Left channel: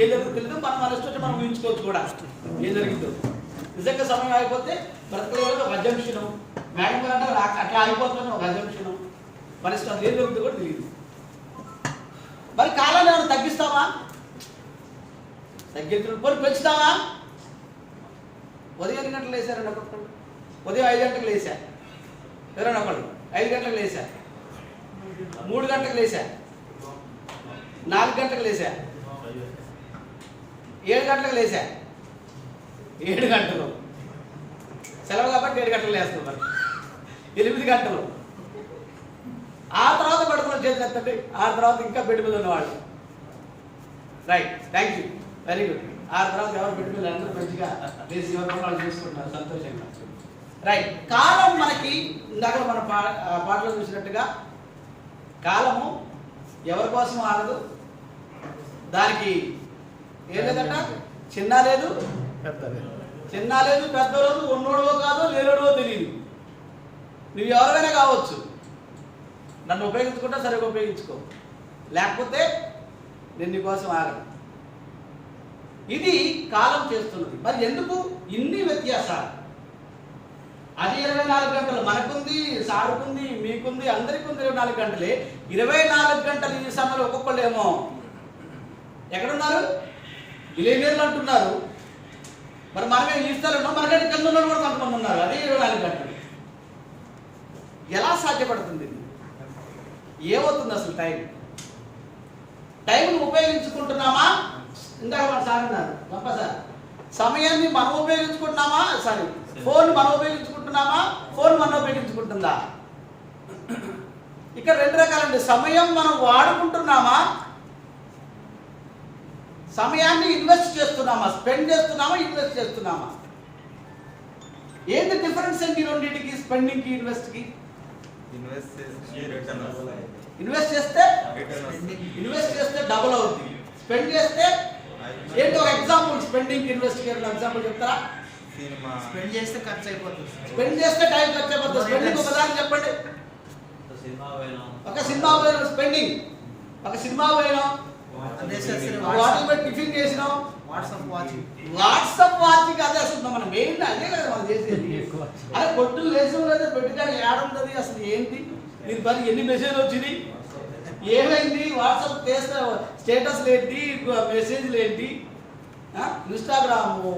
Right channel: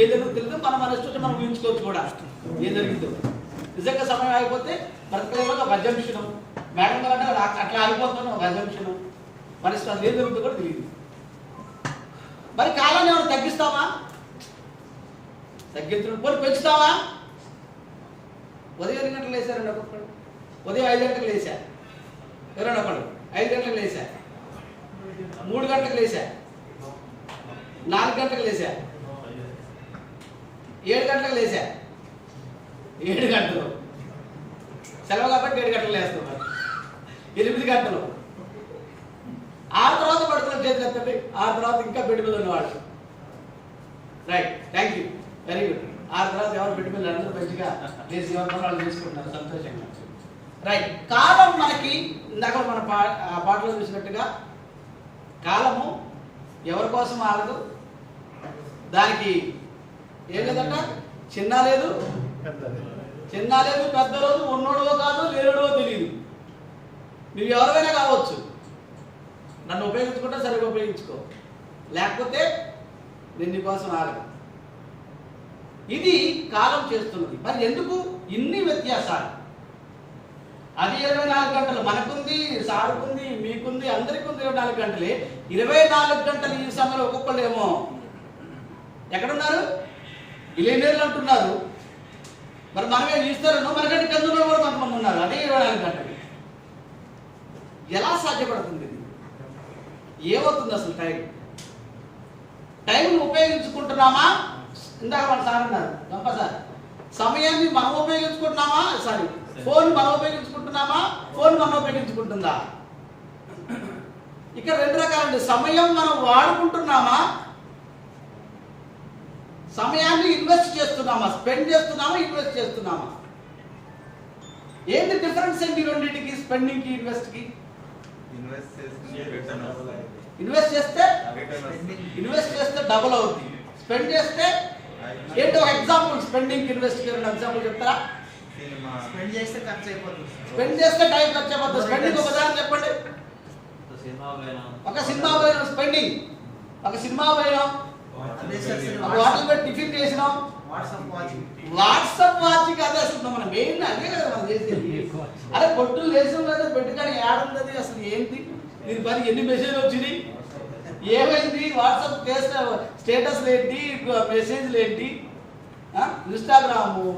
ఏం జరుగుతుందో తెలియదు. మన ఇష్టం వచ్చి మనం ఊహించుకోవచ్చు కూడా ఏం జరిగిందో. నిజంగా సమయం ఆగిపోతే బ్రతకలేదు ఒక అజంప్షను, మేడం గారు అంటే అట్లా ఆగిపోతున్నా ఒక అజంప్షను, మన ఇష్టం ఏం జరుగుతుందో కూడా తెలియదు. మరి కాలాన్ని ఏమైనా తగ్గిస్తావా? తగ్గించడం పోనీ పెంచుతావా? ఉదయం 8 గంటలకు లేచారండి ఒక్కొక్కడు, ఉదయం 5 గంటలకు లేచా, ఎవరైనా ఒకళ్ళు 5 గంటలకు లేచా, 3 గంటలకు లేచా, 4 గంటలకు లేచా, 7 గంటలకు లేచా, 7 గంటలు సెలవు కాబట్టి 7 గంటలకు లేస్తున్నారు, 8 గంటలు. ఆ తర్వాత పడుతున్న చేతులు ఎత్తండి, ఆ తర్వాత ఇంకా బెడ్ మీద ఉన్నవాళ్ళు. Right, thank you, very good. ఆ తర్వాత ఎవరు బెడ్ మీద అందరూ మంచిగా లేచి ఎవరి పని వాళ్ళు చేసుకుంటున్నారు సంతోషంగా. రైట్, కాలం మనకి ఇందాక మన పాటలో చూసినట్టుగా కాలము ఎవరి కోసం ఆగదు, దానికి ఏం లేదట, చిన్న లేదు పెద్ద లేదు, ఉన్నోడో కాదు లేడో తెలియదు. నువ్వు ఎవరైనా కావచ్చు, నన్ను ఉపయోగించుకుంటే సరిగ్గా ఉపయోగించుకో, లేకపోతే నేను నీకోసం ఆగను. ఇది కాలం చేస్తున్నది. మరి ఎందుకు ఇన్ని వ్యత్యాసాలు? అది 24 గంటలు మనకుంది, సారుకుంది, మీకుంది, అందరికీ ఉంది 24 గంటలే. 24 గంటలు ఈ సమయంలో ఒక్కొక్కళ్ళు ఏమో ఎక్కడున్నారు, బిలియనీర్లు అంటున్నారు. మరి మనమే ఈ స్థాయిలో ఉన్నాం, మనకంటే కింద ఉన్న కూడా కొంతమంది ఉన్నారు. అదే 24 గంటలు ఎలా సాధ్యపడుతుంది? ఇది ఏమవుతుంది అసలు? టైంను ఉపయోగించుకుంటున్నామా? ఇందాక మన సార్ అన్నారు, గొప్ప సార్, సమయాన్ని మనం ఉపయోగించుకుంటున్నామా? సారీ, ఫోన్ మనం ఉపయోగించుకుంటున్నామా? ఫోన్ మనం ఉపయోగించుకుంటుందా? ఇక్కడ 2 రకాలండి. సమయం మనం వాడుకుంటున్నామా, సమయాన్ని ఇన్వెస్ట్ చేస్తున్నామా, స్పెండ్ చేస్తున్నామా, ఇన్వెస్ట్ చేస్తున్నామా? ఏంటి డిఫరెన్స్ అండి రెండింటికి, స్పెండింగ్కి ఇన్వెస్ట్కి? ఇన్వెస్ట్ చేస్తే డబుల్ అవుతుంది, స్పెండ్ చేస్తే ఏంటి? ఒక ఎగ్జాంపుల్, స్పెండింగ్ ఇన్వెస్ట్ ఎగ్జాంపుల్ చెప్తారా? స్పెండ్ చేస్తే ఖర్చు అయిపోతుంది, స్పెండ్ చేస్తే టైం ఖర్చు అయిపోతుంది. స్పెండింగ్ ఒక ఉదాహరణ చెప్పండి. ఒక సినిమా పోయినాం, స్పెండింగ్. ఒక సినిమా పోయినాం, హోటల్ పెట్టి టిఫిన్ చేసినాం, వాట్సాప్ వాచింగ్. అదే అసలు మన మెయిన్ అదే కదా మనం చేసేది. అదే పొట్టులు లేచడం లేదా, పెట్టుకొని ఏడుంది అసలు ఏంటి దీని పని, ఎన్ని మెసేజ్లు వచ్చినాయి, ఏమైంది, వాట్సాప్ చేస్తే స్టేటస్లు ఏంటి, మెసేజ్లు ఏంటి, ఇన్స్టాగ్రాము,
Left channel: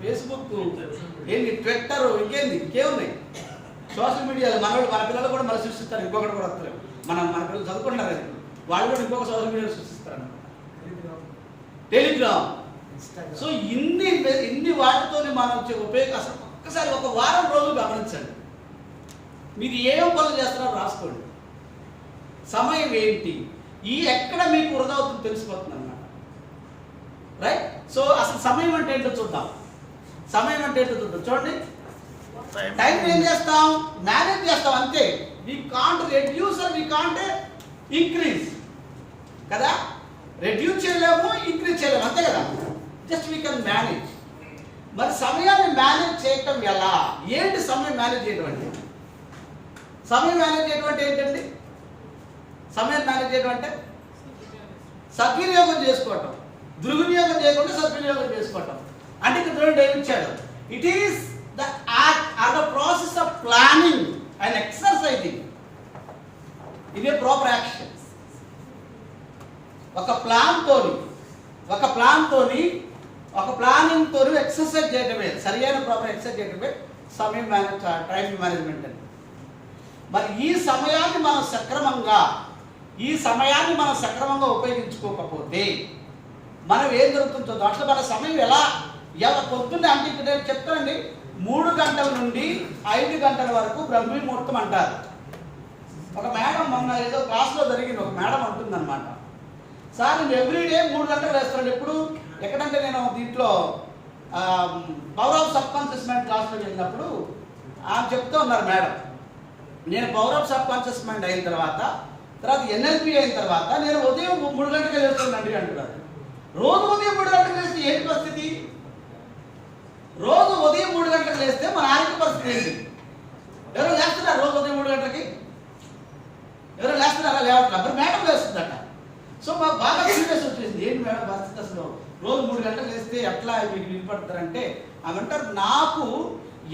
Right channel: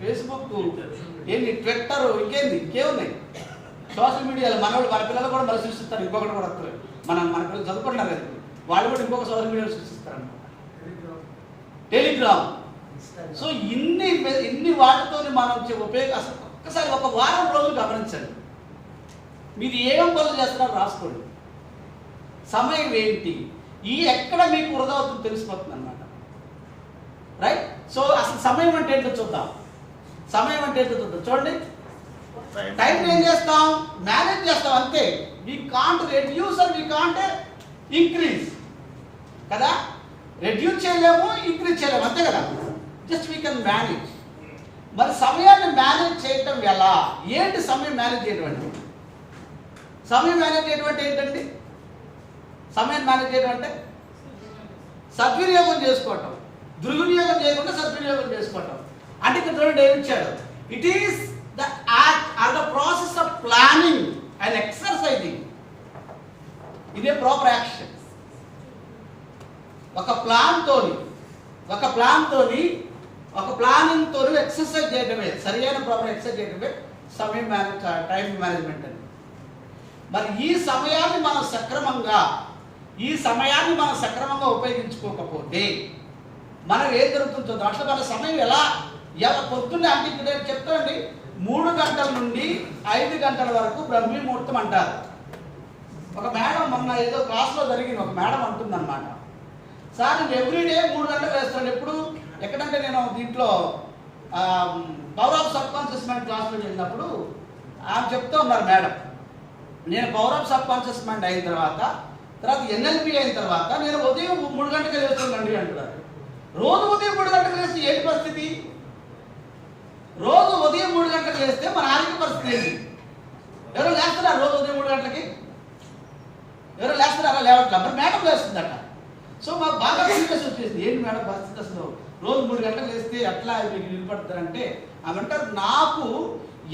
ఫేస్బుక్ ఏంటి, ట్విట్టర్, ఇంకేమున్నాయి సోషల్ మీడియాలో. మన పిల్లలు కూడా మళ్ళీ సృష్టిస్తారు, ఇంకొకటి కూడా వస్తారు. మన పిల్లలు చదువుకుంటున్నారు కదా, వాళ్ళు కూడా ఇంకొక సోషల్ మీడియా సృష్టిస్తారు అనమాట, టెలిగ్రామ్. సో ఇన్ని వాటితో మనం ఉపయోగం. అసలు ఒక్కసారి ఒక వారం రోజులు గమనించండి, మీరు ఏమేం పనులు చేస్తున్నారో రాసుకోండి. సమయం ఏంటి, ఎక్కడ మీకు వృధా అవుతుందో తెలిసిపోతుంది అన్నమాట. రైట్, సో అసలు సమయం అంటే ఏంటో చూద్దాం. చూడండి, టైం ఏం చేస్తాం, మేనేజ్ చేస్తాం అంతే. We can't reduce and we can't increase కదా. రెడ్యూస్ చేయలేము, ఇంక్రీజ్ చేయలేము, అంతే కదా. Just we can manage. మరి సమయాన్ని మేనేజ్ చేయటం ఎలా? ఏంటి సమయం మేనేజ్ చేయడం అంటే? సమయం మేనేజ్ చేయడం అంటే ఏంటండి? సమయం మేనేజ్ చేయడం అంటే సద్వినియోగం చేసుకోవటం, దుర్వినియోగం చేయకుండా సద్వినియోగం చేసుకోవటం. అంటే ఇక్కడ చూడండి ఏమి ఇచ్చాడు, it is the act or the process of planning and exercising. ఇదే ప్రాపర్ యాక్షన్. ఒక ప్లానింగ్ తోని ఎక్సర్సైజ్ చేయడమే, సరైన ప్రాపర్ ఎక్సర్సైజ్ చేయడమే సమయం టైం మేనేజ్మెంట్ అని. మరి ఈ సమయాన్ని మనం సక్రమంగా ఉపయోగించుకోకపోతే మనం ఏం జరుగుతుందో చూద్దాం. అట్లా మన సమయం ఎలా పొద్దున్నే అంటే ఇక్కడ నేను చెప్తానండి, 3 గంటల నుండి 5 గంటల వరకు బ్రహ్మీ ముహూర్తం అంటారు. ఒక మేడం మొన్న ఏదో క్లాస్లో జరిగింది, ఒక మేడం అంటుందన్నమాట, సార్ నేను ఎవ్రీడే 3 గంటలు వేస్తాను. ఎప్పుడు ఎక్కడంటే నేను దీంట్లో power of sub conscious mind క్లాస్లో వెళ్ళినప్పుడు ఆమె చెప్తూ ఉన్నారు, మేడం నేను power of sub conscious mind అయిన తర్వాత ఎన్ఎల్పి అయిన తర్వాత నేను ఉదయం 3 గంటలకు వేస్తానండి అంటున్నారు. రోజు ఉదయం 3 గంటలకు వేస్తే ఏంటి పరిస్థితి? రోజు ఉదయం 3 గంటలకు వేస్తే మన ఆరోగ్య పరిస్థితి ఏంటి? ఎవరో లేస్తున్నారు రోజు ఉదయం 3 గంటలకి? ఎవరో లేస్తున్నారా? లేవట్లా. మరి మేడం లేస్తుందట. సో మాకు బాగా సీరియస్ వచ్చేసింది. ఏంటి మేడం పరిస్థితి అసలు రోజు 3 గంటలు వేస్తే ఎట్లా మీకు నిలబడతారంటే ఆమె అంటారు, నాకు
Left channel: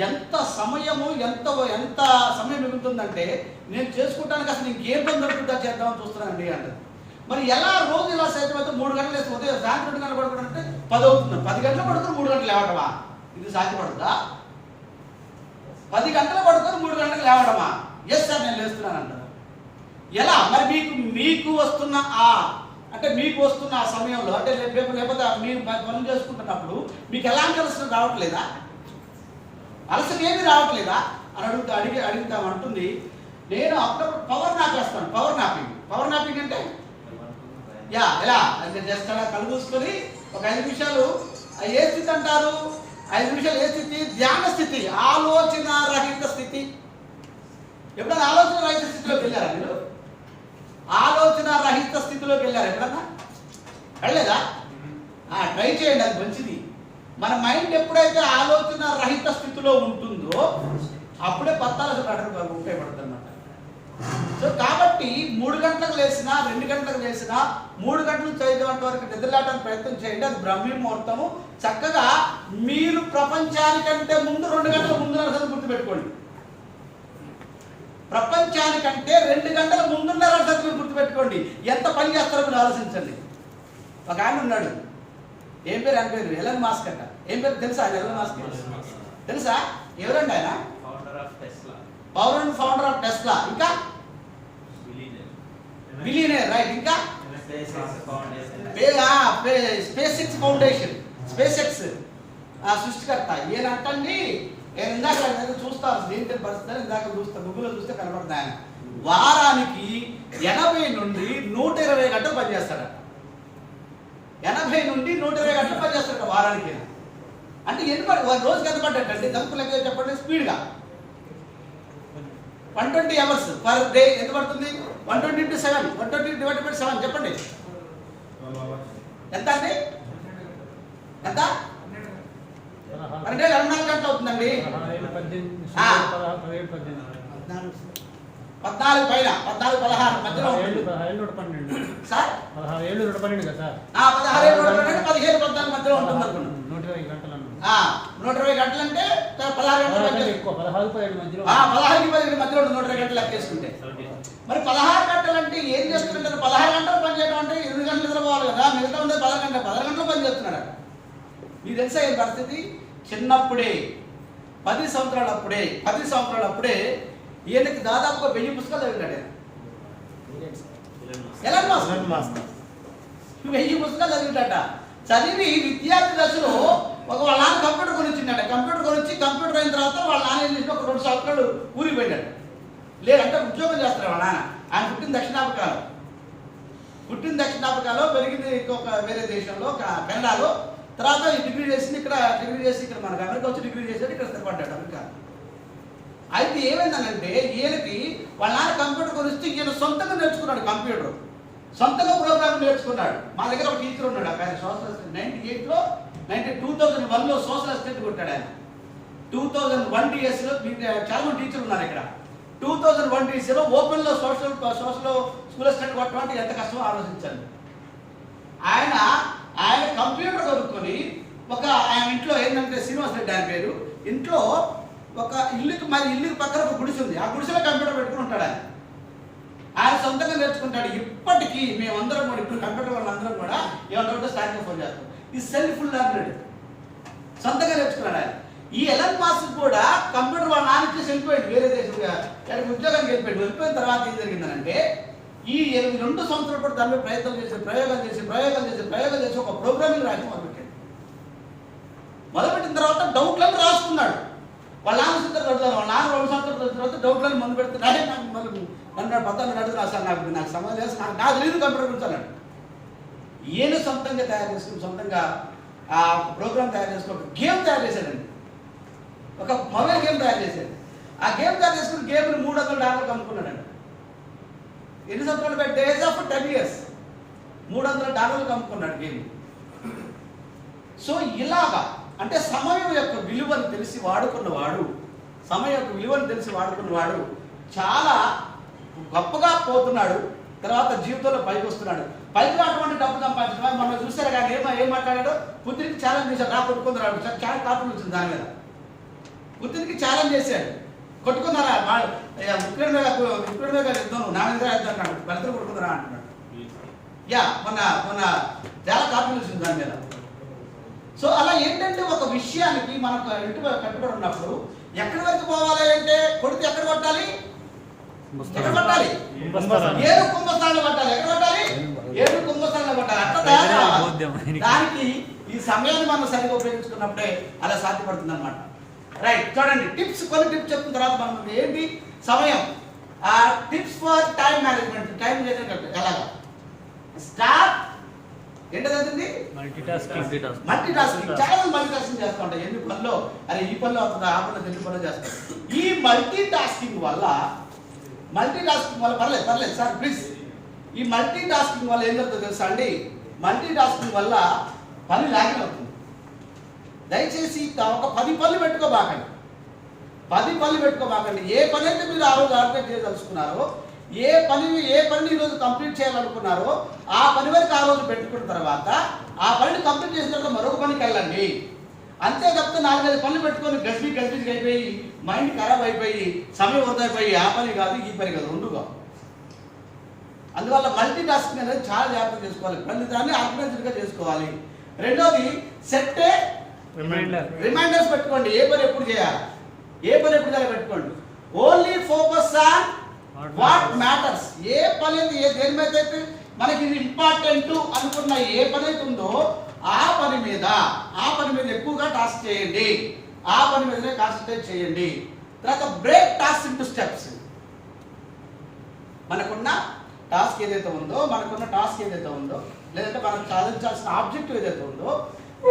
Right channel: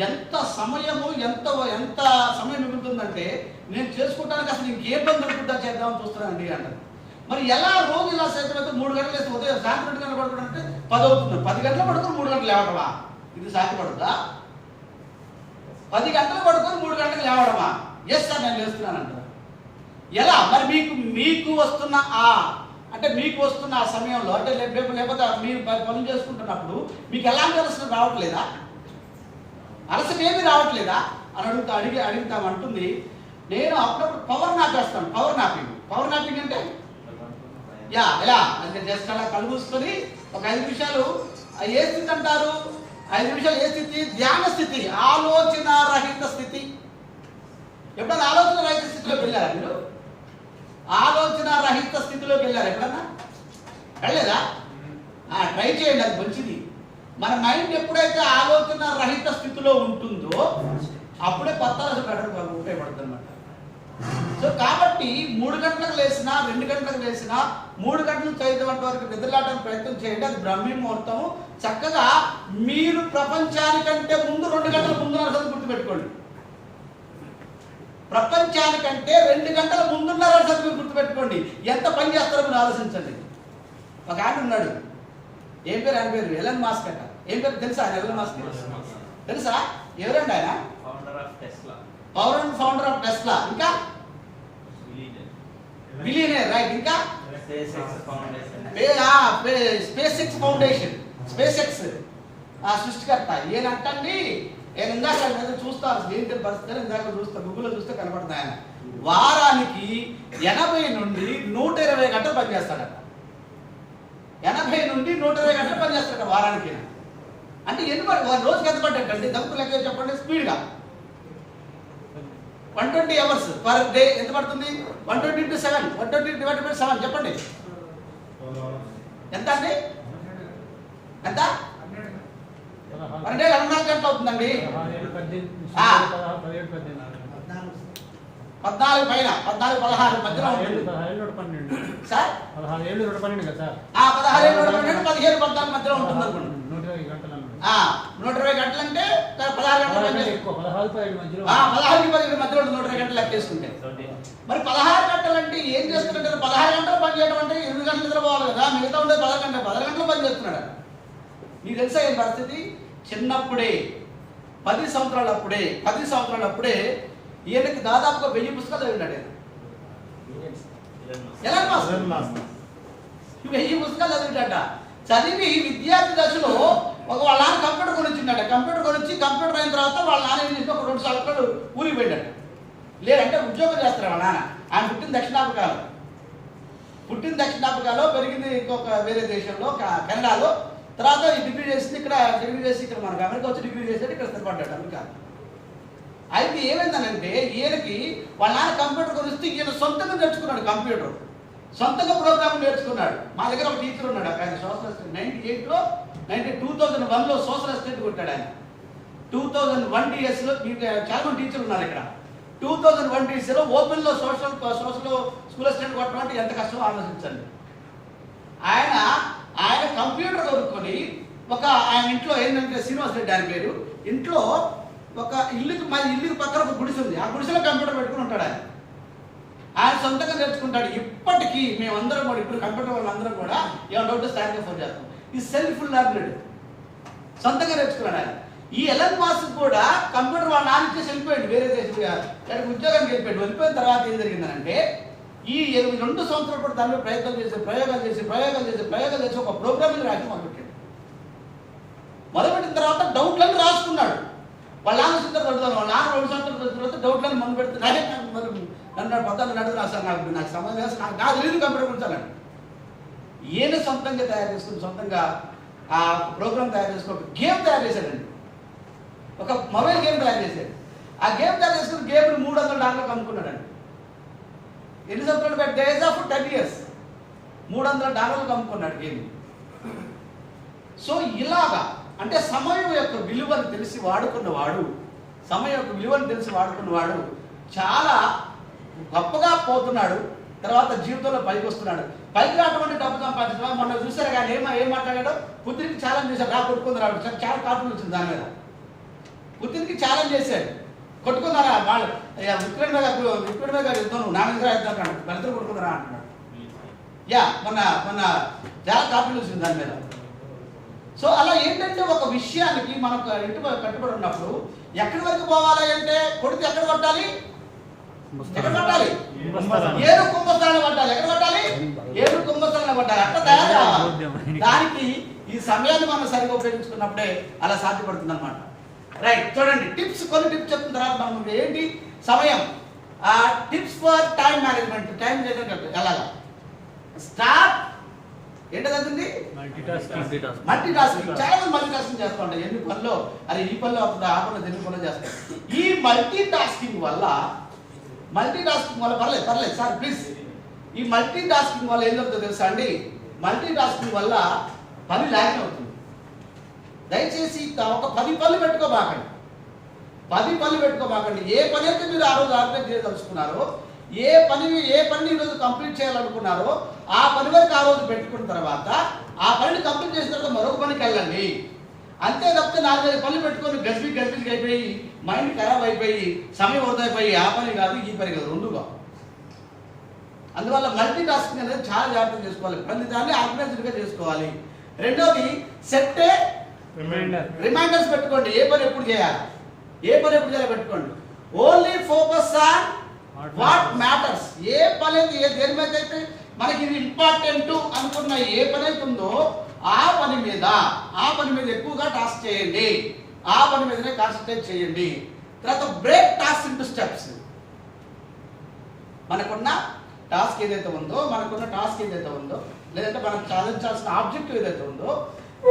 ఎంత సమయము ఎంత సమయం మిగులుతుందంటే నేను చేసుకుంటానికి అసలు ఇంకేం పని దొరుకుతుందా చేద్దామని చూస్తున్నానండి అంటారు. మరి ఎలా రోజు ఇలా సేద్యం అయితే 3 గంటలు వేస్తే ఉదయం సాయంత్రం 2 గంటలు పడుకోవడం అంటే 10 అవుతుంది. 10 గంటలు పడుకొని 3 గంటలు లేవడమా? ఇది సాధ్యపడుతుందా? 10 గంటలు పడుకొని 3 గంటలు లేవడమా? ఎస్ సార్ నేను లేస్తున్నాను అంటారు. ఎలా మరి మీకు వస్తున్న అంటే మీకు వస్తున్న ఆ సమయంలో అంటే లేకపోతే మీరు పనులు చేసుకుంటున్నప్పుడు మీకు ఎలాంటి అలసట రావట్లేదా? అలసట ఏమీ రావట్లేదా అని అడుగుతామంటుంది. నేను అప్పుడప్పుడు పవర్ నాప్ వేస్తాను. పవర్ నాపింగ్ అంటే ఎలా అంటే జస్ట్ అలా కళ్ళు మూసుకొని ఒక 5 నిమిషాలు ఏ స్థితి అంటారు? 5 నిమిషాలు ఏ స్థితి? ధ్యాన స్థితి, ఆలోచన రహిత స్థితి. ఎప్పుడన్నా ఆలోచన రహిత స్థితిలోకి వెళ్ళారా మీరు? ఆలోచన రహిత స్థితిలోకి వెళ్ళారు ఎప్పుడన్నా? వెళ్ళలేదా? ట్రై చేయండి, అది మంచిది. మన మైండ్ ఎప్పుడైతే ఆలోచన రహిత స్థితిలో ఉంటుందో అప్పుడే పత్తాలు ఉపయోగపడుతుంది అన్నమాట. సో కాబట్టి 3 గంటలకు లేసినా 2 గంటలకు లేసినా 3 గంటలు 5 గంటల వరకు నిద్రలేవడానికి ప్రయత్నం చేయండి. అది బ్రహ్మీ ముహూర్తము. చక్కగా మీరు ప్రపంచానికంటే ముందు 2 గంటల ముందున్న గుర్తుపెట్టుకోండి. ప్రపంచానికంటే 2 గంటల ముందున్న మీరు గుర్తుపెట్టుకోండి. ఎంత పని చేస్తారో మీరు ఆలోచించండి. ఒక ఆయన ఉన్నాడు, ఏం పేరు ఆయన పేరు? ఎలన్ మాస్క్ అంట. ఏం పేరు తెలుసా ఆయన? ఎలన్ మాస్క్ తెలుసా? ఎవరండి ఆయన? Founder of Tesla. ఇంకా బిలియనర్, రైట్. ఇంకా space X foundation, space X సృష్టికర్త ఈయనంటండి. నేను ఇందాక చూస్తాను దీనికి పరిస్థితి, ఇందాక చూస్తాను గూగుల్లో చూస్తే కనపడుతుంది. ఆయన వారానికి 80 నుండి 120 గంటలు పనిచేస్తాడట. 80 నుండి 120 గంటలు పనిచేస్తాడట వారానికి. అంటే ఎన్ని రోజుకి ఎంత పడ్డట్టండి? దమ్ము లెక్క చెప్పండి స్పీడ్గా. 120 అవర్స్ పర్ డే ఎంత పడుతుంది? 120 × 7, 120 / 7 చెప్పండి ఎంత అండి? ఎంత? 24 గంటలు అవుతుందండి. 14 పైన 14, 16 మధ్యలో సార్. 16 ఏళ్ళు 12, 15, 14 మధ్యలో ఉంటుంది అనుకోండి. 120 గంటలు అంటే 16 గంటలు 16కి 17 మధ్యలో ఉంటుంది. 120 గంటలు లెక్క చేసుకుంటే మరి 16 గంటలు అంటే ఏం చేస్తుంటారు? 16 గంటలు పని చేయడం అంటే 8 గంటలు నిద్రపోవాలి కదా. మిగతా ఉండేది 16 గంటలు పని చేస్తున్నాడు. మీకు తెలుసా ఏం పరిస్థితి? చిన్నప్పుడే 10 సంవత్సరాలప్పుడే ఈయనకి దాదాపుగా 1000 పుస్తకాలు చదివినాడు. ఎలాన్ మాస్క్ 1000 పుస్తకాలు చదివినట. చదివి విద్యార్థి దశలో వాళ్ళ నాన్న కంప్యూటర్ కొనిచ్చిండట. కంప్యూటర్ అయిన తర్వాత వాళ్ళ నాన్న ఏం చేసి ఒక 2 సంవత్సరాలు ఊరికి పోయినాడు. లేదంటే ఉద్యోగం చేస్తారు వాళ్ళ నాన్న. ఆయన పుట్టిన దక్షిణాఫ్రికాలో, పెరిగింది ఇంకొక వేరే దేశంలో కెనడాలో. తర్వాత ఈ డిగ్రీ చేసి ఇక్కడ మనకు అమెరికా వచ్చి డిగ్రీ చేసేది ఇక్కడ స్థిరపడ్డాడు అమెరికా. అయితే ఏమైందనంటే ఈయనకి వాళ్ళ నాన్న కంప్యూటర్ కొనిస్తే ఈయన సొంతంగా నేర్చుకున్నాడు. కంప్యూటర్ సొంతంగా ప్రోగ్రామ్ నేర్చుకున్నాడు. మా దగ్గర ఒక టీచర్ ఉన్నాడు. ఆయన సోషల్ అసిస్టెంట్ 2001లో సోషల్ అసిస్టెంట్ కొట్టాడు ఆయన. 2001 DSలో చాలా మంది టీచర్లు ఉన్నారు ఇక్కడ. 2001 DSలో ఓపెన్లో సోషల్ స్కూల్ అసిస్టెంట్ కొట్టడం అంటే ఎంత కష్టమో ఆలోచించండి. ఆయన కంప్యూటర్ కొనుక్కొని ఆయన ఇంట్లో ఏంటంటే శ్రీనివాస్ రెడ్డి ఆయన పేరు, ఇంట్లో ఒక ఇల్లుకి పక్కన ఒక గుడిసె ఉంది. ఆ గుడిసెలో కంప్యూటర్ పెట్టుకుని ఉంటాడు. ఆయన సొంతంగా నేర్చుకుంటాడు. ఇప్పటికీ మేమందరం కూడా ఇప్పుడు కంప్యూటర్ వాళ్ళందరం కూడా ఏమైనా డౌట్ స్టార్ట్గా ఫోన్ చేస్తాం. ఈ సెల్ఫ్ లెర్నెడ్ సొంతంగా నేర్చుకున్నాడు ఆయన. ఈ ఎలన్ మాస్క్ కూడా కంప్యూటర్ వాళ్ళ నాన్న ఇచ్చేసి వెళ్ళిపోయాడు వేరే దేశం, ఉద్యోగానికి వెళ్ళిపోయిన తర్వాత ఏం జరిగిందనంటే ఈ 2 సంవత్సరాలు కూడా దాని ప్రయోగాలు చేసి ఒక ప్రోగ్రామింగ్ రాసి మొదలుపెట్టిన తర్వాత డౌట్లను రాసుకున్నాడు. వాళ్ళ నాన్న చదువుతాను. వాళ్ళ నాన్న 2 సంవత్సరాల తర్వాత డౌట్లను ముందు పెడుతున్నాడే. నన్ను పద్దాలు నడుగుతున్నా సార్, నాకు సంబంధం లేదు, నాకు తెలియదు కంప్యూటర్ గురించి అన్నాడు. ఈయన సొంతంగా తయారు చేసుకుని సొంతంగా ఆ ప్రోగ్రామ్ తయారు చేసుకుని ఒక గేమ్ తయారు చేశాడండి. ఒక మొబైల్ గేమ్ తయారు చేశాడు. ఆ గేమ్ తయారు చేసుకుని గేమ్ని $300 అమ్ముకున్నాడండి. ఎన్ని సంవత్సరాలు పెట్టి డేస్ ఆఫ్ 10 years $300 అమ్ముకున్నాడు గేమ్. సో ఇలాగా అంటే సమయం యొక్క విలువను తెలిసి వాడుకున్నవాడు చాలా గొప్పగా పోతున్నాడు. తర్వాత జీవితంలో పైకి వస్తున్నాడు. పైకి రావటువంటి డబ్బు సంపాదించడం. మొన్న చూసారు కానీ ఏం మాట్లాడాడు, పుత్రికి ఛాలెంజ్ చేశాడు, కొట్టుకుందరాడు. చాలా కాపులు వచ్చింది దాని మీద. పుత్రికి ఛాలెంజ్ చేశాడు, కొట్టుకుందారా వాళ్ళు, ఉక్రెయిన్ మీద యుద్ధం నా మీద అంటున్నాడు, భర్తలు కొట్టుకుందరా అంటున్నాడు. మొన్న చాలా కాపులు వచ్చింది దాని మీద. సో అలా ఏంటంటే ఒక విషయానికి మనం కట్టుబడి ఉన్నప్పుడు ఎక్కడి వరకు పోవాలి అంటే, కొడితే ఎక్కడ కొట్టాలి, ఎక్కడ కొట్టాలి, ఏడు కుంభస్థానంలో కొట్టాలి. ఎక్కడ కొట్టాలి, ఏడు కుంభస్థానంలో కొట్టాలి. అట్లా తయారు కావాలి. దానికి ఈ సమయాన్ని మనం సరిగా ఉపయోగించుకున్నప్పుడే అలా సాధ్యపడుతుంది అనమాట. రైట్, చూడండి టిప్స్, కొన్ని టిప్స్ చెప్పిన తర్వాత మనం ఏంటి సమయం, tips for time management. Time ఎలాగా స్టార్ట్ ఏంటది, మల్టీ టాస్కింగ్. చాలా మంది మల్టీ టాస్కింగ్ చేస్తూ ఉంటాయి. ఎన్ని పనులు, అది ఈ పనులు అవుతుంది, ఆ పనులు ఎన్ని పనులు చేస్తారు. ఈ మల్టీ టాస్కింగ్ వల్ల పర్లేదు సార్ ప్లీజ్, ఈ మల్టీ టాస్కింగ్ వల్ల ఏం జరుగుతుందో తెలుసా అండి, మల్టీ టాస్కింగ్ వల్ల పని లాగిన్ అవుతుంది. దయచేసి ఒక 10 పనులు పెట్టుకోబాకండి, 10 పనులు పెట్టుకోబాకండి. ఏ పని అయితే మీరు ఆ రోజు ఆర్గనైజ్ చేయదలుచుకున్నారో, ఏ పనిని ఈరోజు కంప్లీట్ చేయాలనుకున్నారో ఆ పని వరకు ఆ రోజు పెట్టుకున్న తర్వాత ఆ పనిని కంప్లీట్ చేసిన తర్వాత మరొక పనికి వెళ్ళండి. అంతే తప్పితే 4-5 పనులు పెట్టుకొని గజిబిజి అయిపోయి మైండ్ ఖరాబ్ అయిపోయి సమయం వృధా అయిపోయి ఆ పని కాదు ఈ పని కాదు, రెండుగా. అందువల్ల మల్టీ టాస్కింగ్ అనేది చాలా జాగ్రత్తగా చేసుకోవాలి, ప్రతి దాన్ని ఆర్గనైజ్డ్గా చేసుకోవాలి. రెండోది సెట్ రిమైండర్స్ పెట్టుకోండి. ఏ పని ఎప్పుడు చేయాలి పెట్టుకోండి. Only focus on what matters. ఏ పని దేని మీద అయితే మనకి ఇది ఇంపార్టెంట్ అనుకున్న ఏ పని అయితే ఉందో ఆ పని మీద ఎక్కువగా టాస్క్ చేయండి, ఆ పని మీదనే కాన్సన్ట్రేట్ చేయండి. తర్వాత బ్రేక్ టాస్క్ ఇంటూ స్టెప్స్. మనకున్న టాస్క్ ఏదైతే ఉందో లేదంటే మనం సాధించాల్సిన ఆబ్జెక్టివ్ ఏదైతే ఉందో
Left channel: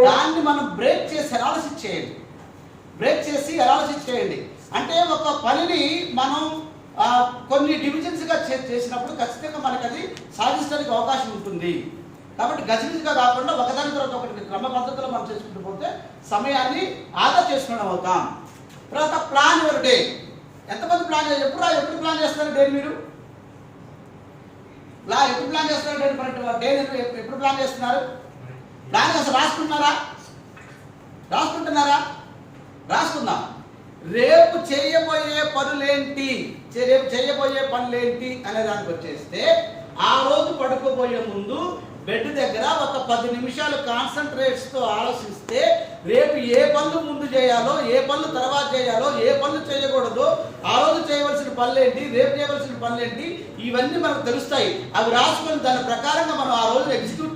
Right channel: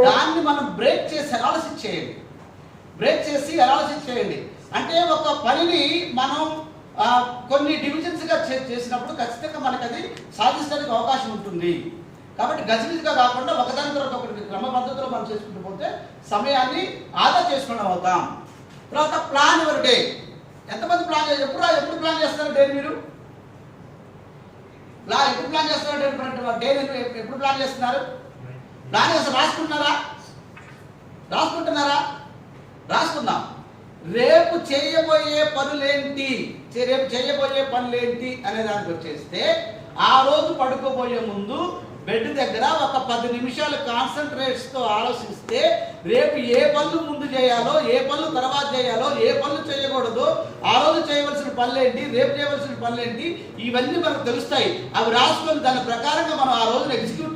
దాన్ని మనం బ్రేక్ చేసి అనాలిసిస్ చేయండి. అంటే ఒక పనిని మనం కొన్ని డివిజన్స్గా చేసినప్పుడు ఖచ్చితంగా మనకి అది సాధించడానికి అవకాశం ఉంటుంది. కాబట్టి గజిబిజిగా కాకుండా ఒకదాని తర్వాత ఒకటి క్రమ పద్ధతిలో మనం చేసుకుంటూ పోతే సమయాన్ని ఆదా చేసుకోవడం అవుతాం. తర్వాత ప్లాన్ యువర్ డే. ఎంతమంది ఎప్పుడు ప్లాన్ చేస్తారు డే? మీరు ఎప్పుడు ప్లాన్ చేస్తున్నారు డే? ఎప్పుడు ప్లాన్ చేస్తున్నారు? ప్లాన్ అసలు రాసుకుందాం. రేపు చేయబోయే పనులేంటి అనే దానికి వచ్చేస్తే ఆ రోజు పడుకోబోయే ముందు బెడ్ దగ్గర ఒక 10 నిమిషాలు కాన్సన్ట్రేట్స్తో ఆలోచిస్తే రేపు ఏ పనులు ముందు చేయాలో, ఏ పనులు తర్వాత చేయాలో, ఏ పనులు చేయకూడదో, ఆ రోజు చేయవలసిన పనులేంటి, రేపు చేయవలసిన పనులేంటి, ఇవన్నీ మనకు తెలుస్తాయి. అవి రాసుకొని దాని ప్రకారంగా మనం ఆ రోజున ఎగ్జిక్యూట్